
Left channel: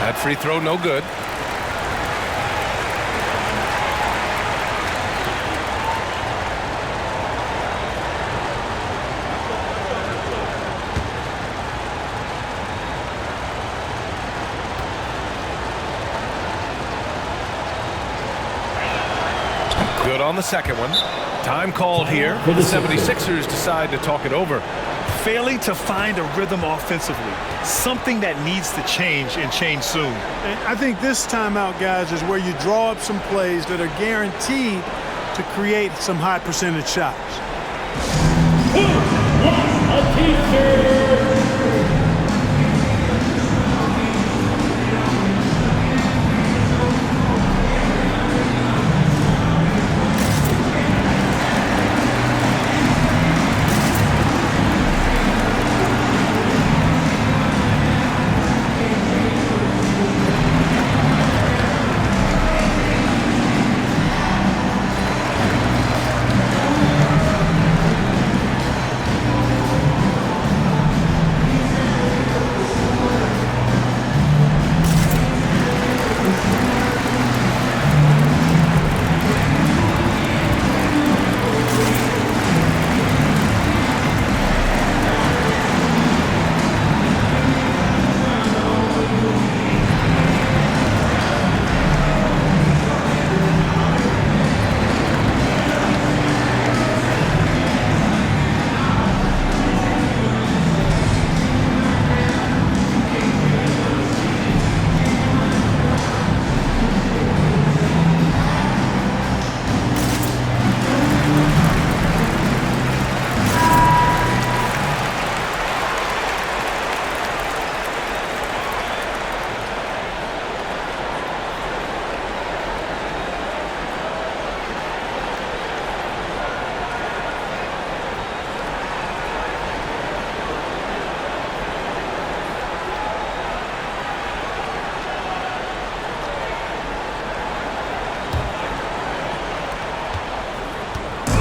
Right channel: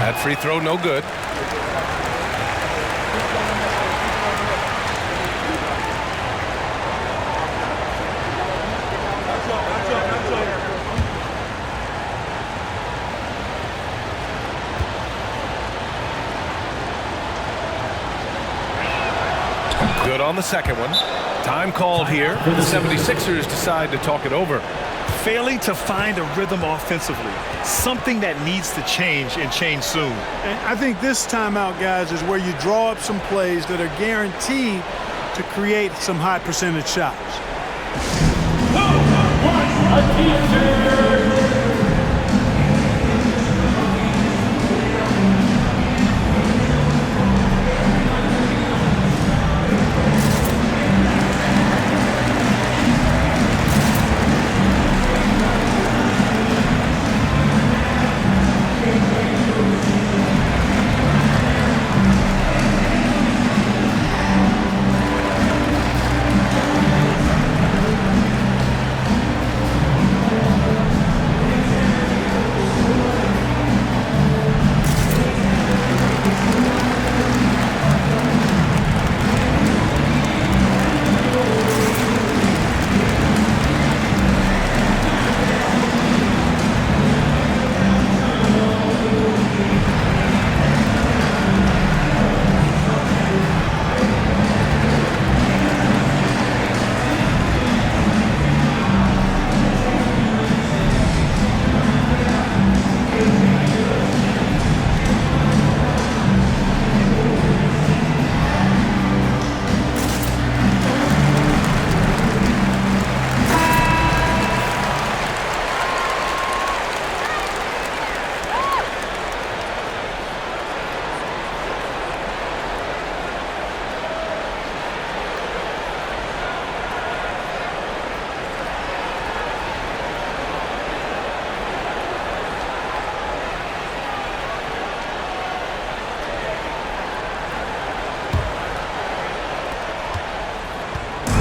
That free throw no good. Good on the second one. Time called here. The 76ers decide to talk it over. Failing to find a rhythm offensively, something that needs to change and change soon. And I think this timeout, guys, is where you draw up some plays that are guaranteed to create some high percentage shots. Who wants a t-shirt?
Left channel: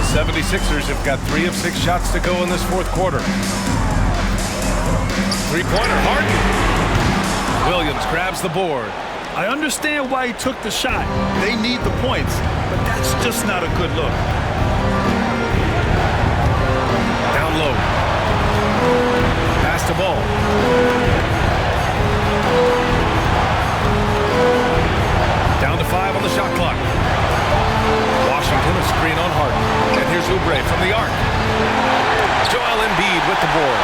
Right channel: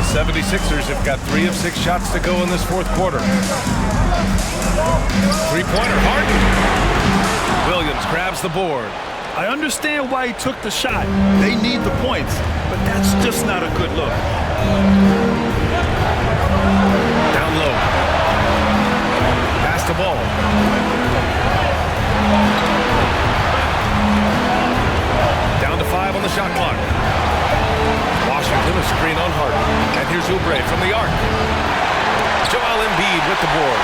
The 76ers have got 3 of 6 shots to go in this fourth quarter. Three-pointer, Harden. Williams grabs the board. I understand why he took the shot. They need the points, but that's just not a good look. Down low. Pass the ball. Down to 5 on the shot clock. Washington, a screen on Harden. And here's Oubre from the arc. Joel Embiid with the board.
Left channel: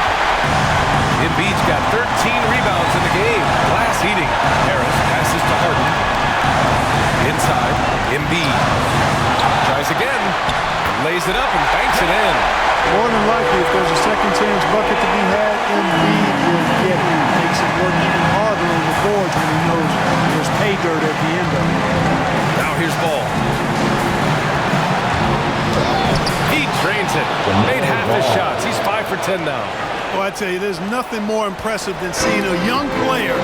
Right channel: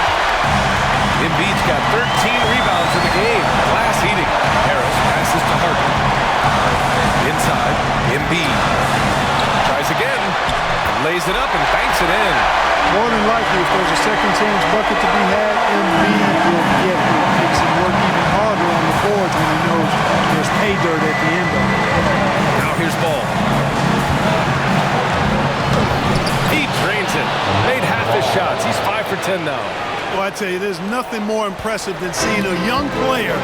Embiid's got 13 rebounds in the game. Glass eating. Harris passes to Harden. Inside, Embiid. Tries again. Lays it up and banks it in. More than likely, if there's a second chance bucket to be had, Embiid will get it. Makes it work even harder on the boards when he knows there's pay dirt at the end of it. Now here's Ball. He drains it. Made half his shots. He's 5 for 10 now. Well, I tell you, there's nothing more impressive than seeing a young player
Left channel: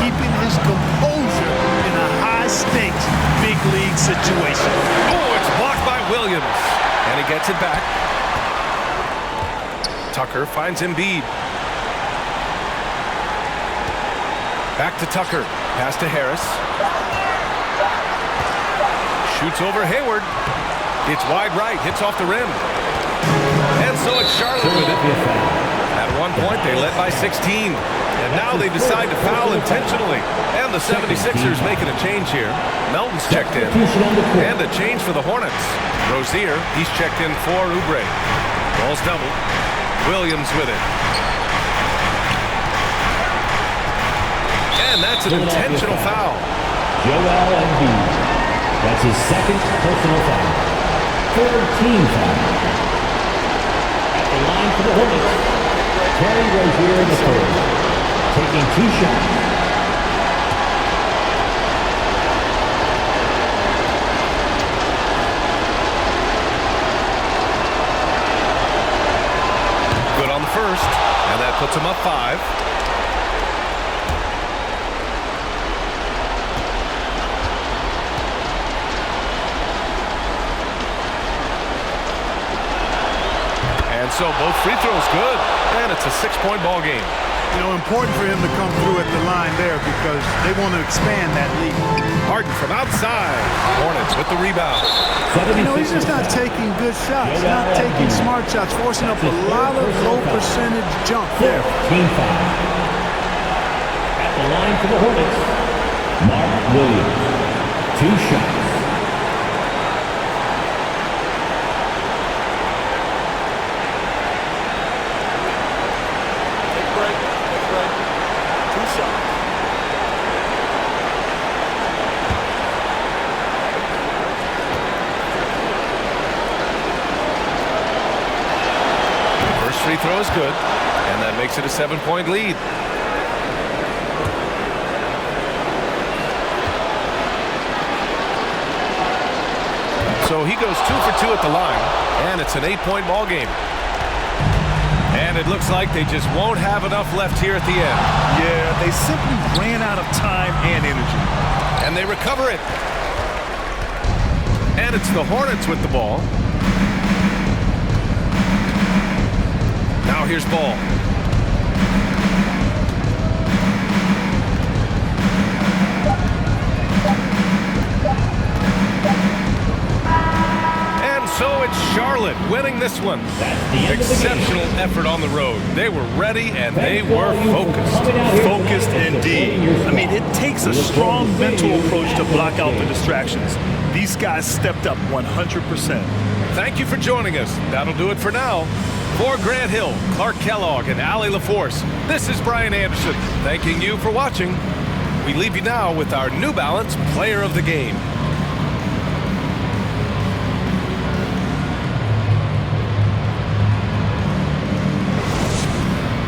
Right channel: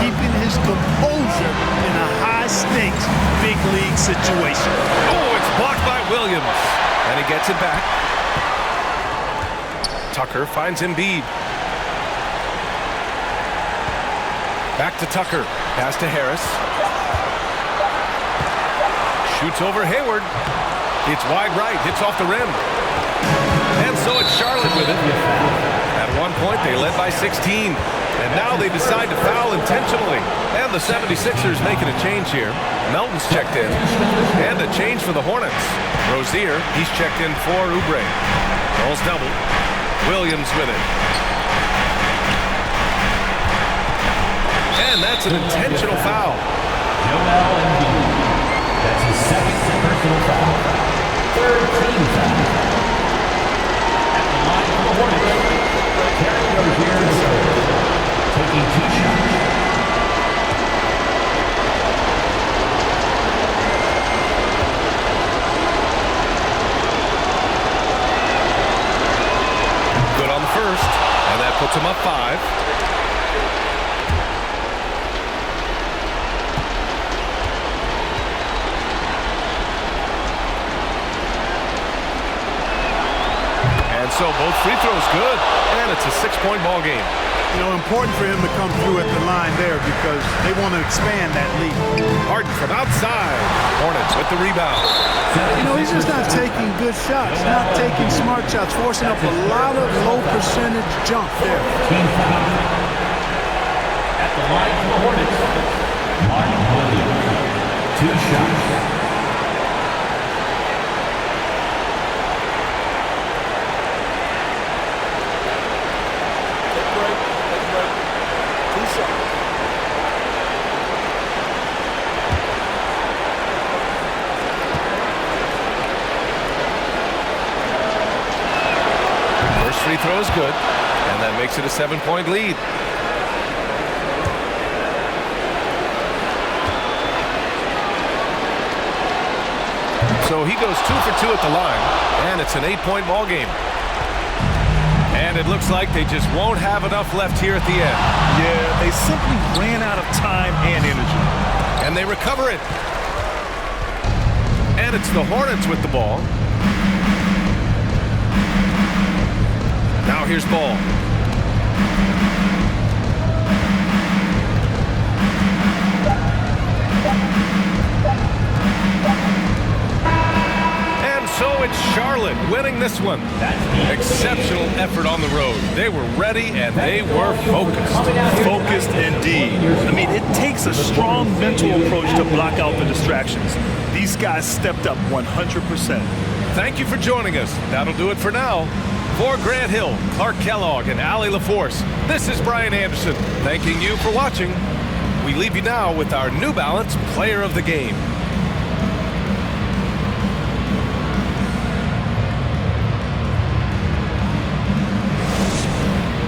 keeping his composure in a high-stakes, big league situation. Oh, it's blocked by Williams. And he gets it back. Tucker finds Embiid. Back to Tucker. Pass to Harris. Shoots over Hayward. It's wide right. Hits off the rim. And so it's Charlotte with it. At one point, they led by 16. And now they decide to foul intentionally. And the 76ers making a change here. Melton's checked in. And a change for the Hornets. Rozier, he's checked in for Oubre. Ball's doubled. Williams with it. And that's an intentional foul. Joel Embiid. That's his second personal foul. third team foul. At the line for the Hornets, Terry Rozier III, taking 2 shots. Good on the first, and that puts him up 5. And so both free throws good, and it's a 6-point ball game. You know, important for him to come through at the line there because they want to expand that lead. Harden from outside. Hornets with the rebound. You know, he's just not taking good shots, not taking smart shots, forcing up a lot of low percentage jump there. Team foul. At the line for the Hornets, Mark Williams. 2 shots. Take a break. 2 shots. First free throw is good, and that makes it a 7-point lead. So he goes 2 for 2 at the line, and it's an 8-point ball game. And it looks like they just won't have enough left here at the end. Yeah, they simply ran out of time and energy. And they recover it. And it's the Hornets with the ball. Now here's Ball. And so it's Charlotte winning this one. Exceptional effort on the road. They were ready and they were focused. Focused indeed. I mean, it takes a strong mental approach to block out the distractions. These guys stepped up 100%. Thank you for joining us. That'll do it for now. For Grant Hill, Clark Kellogg, and Allie LaForce, this is Brian Anderson, thanking you for watching. We leave you now with our New Balance Player of the Game.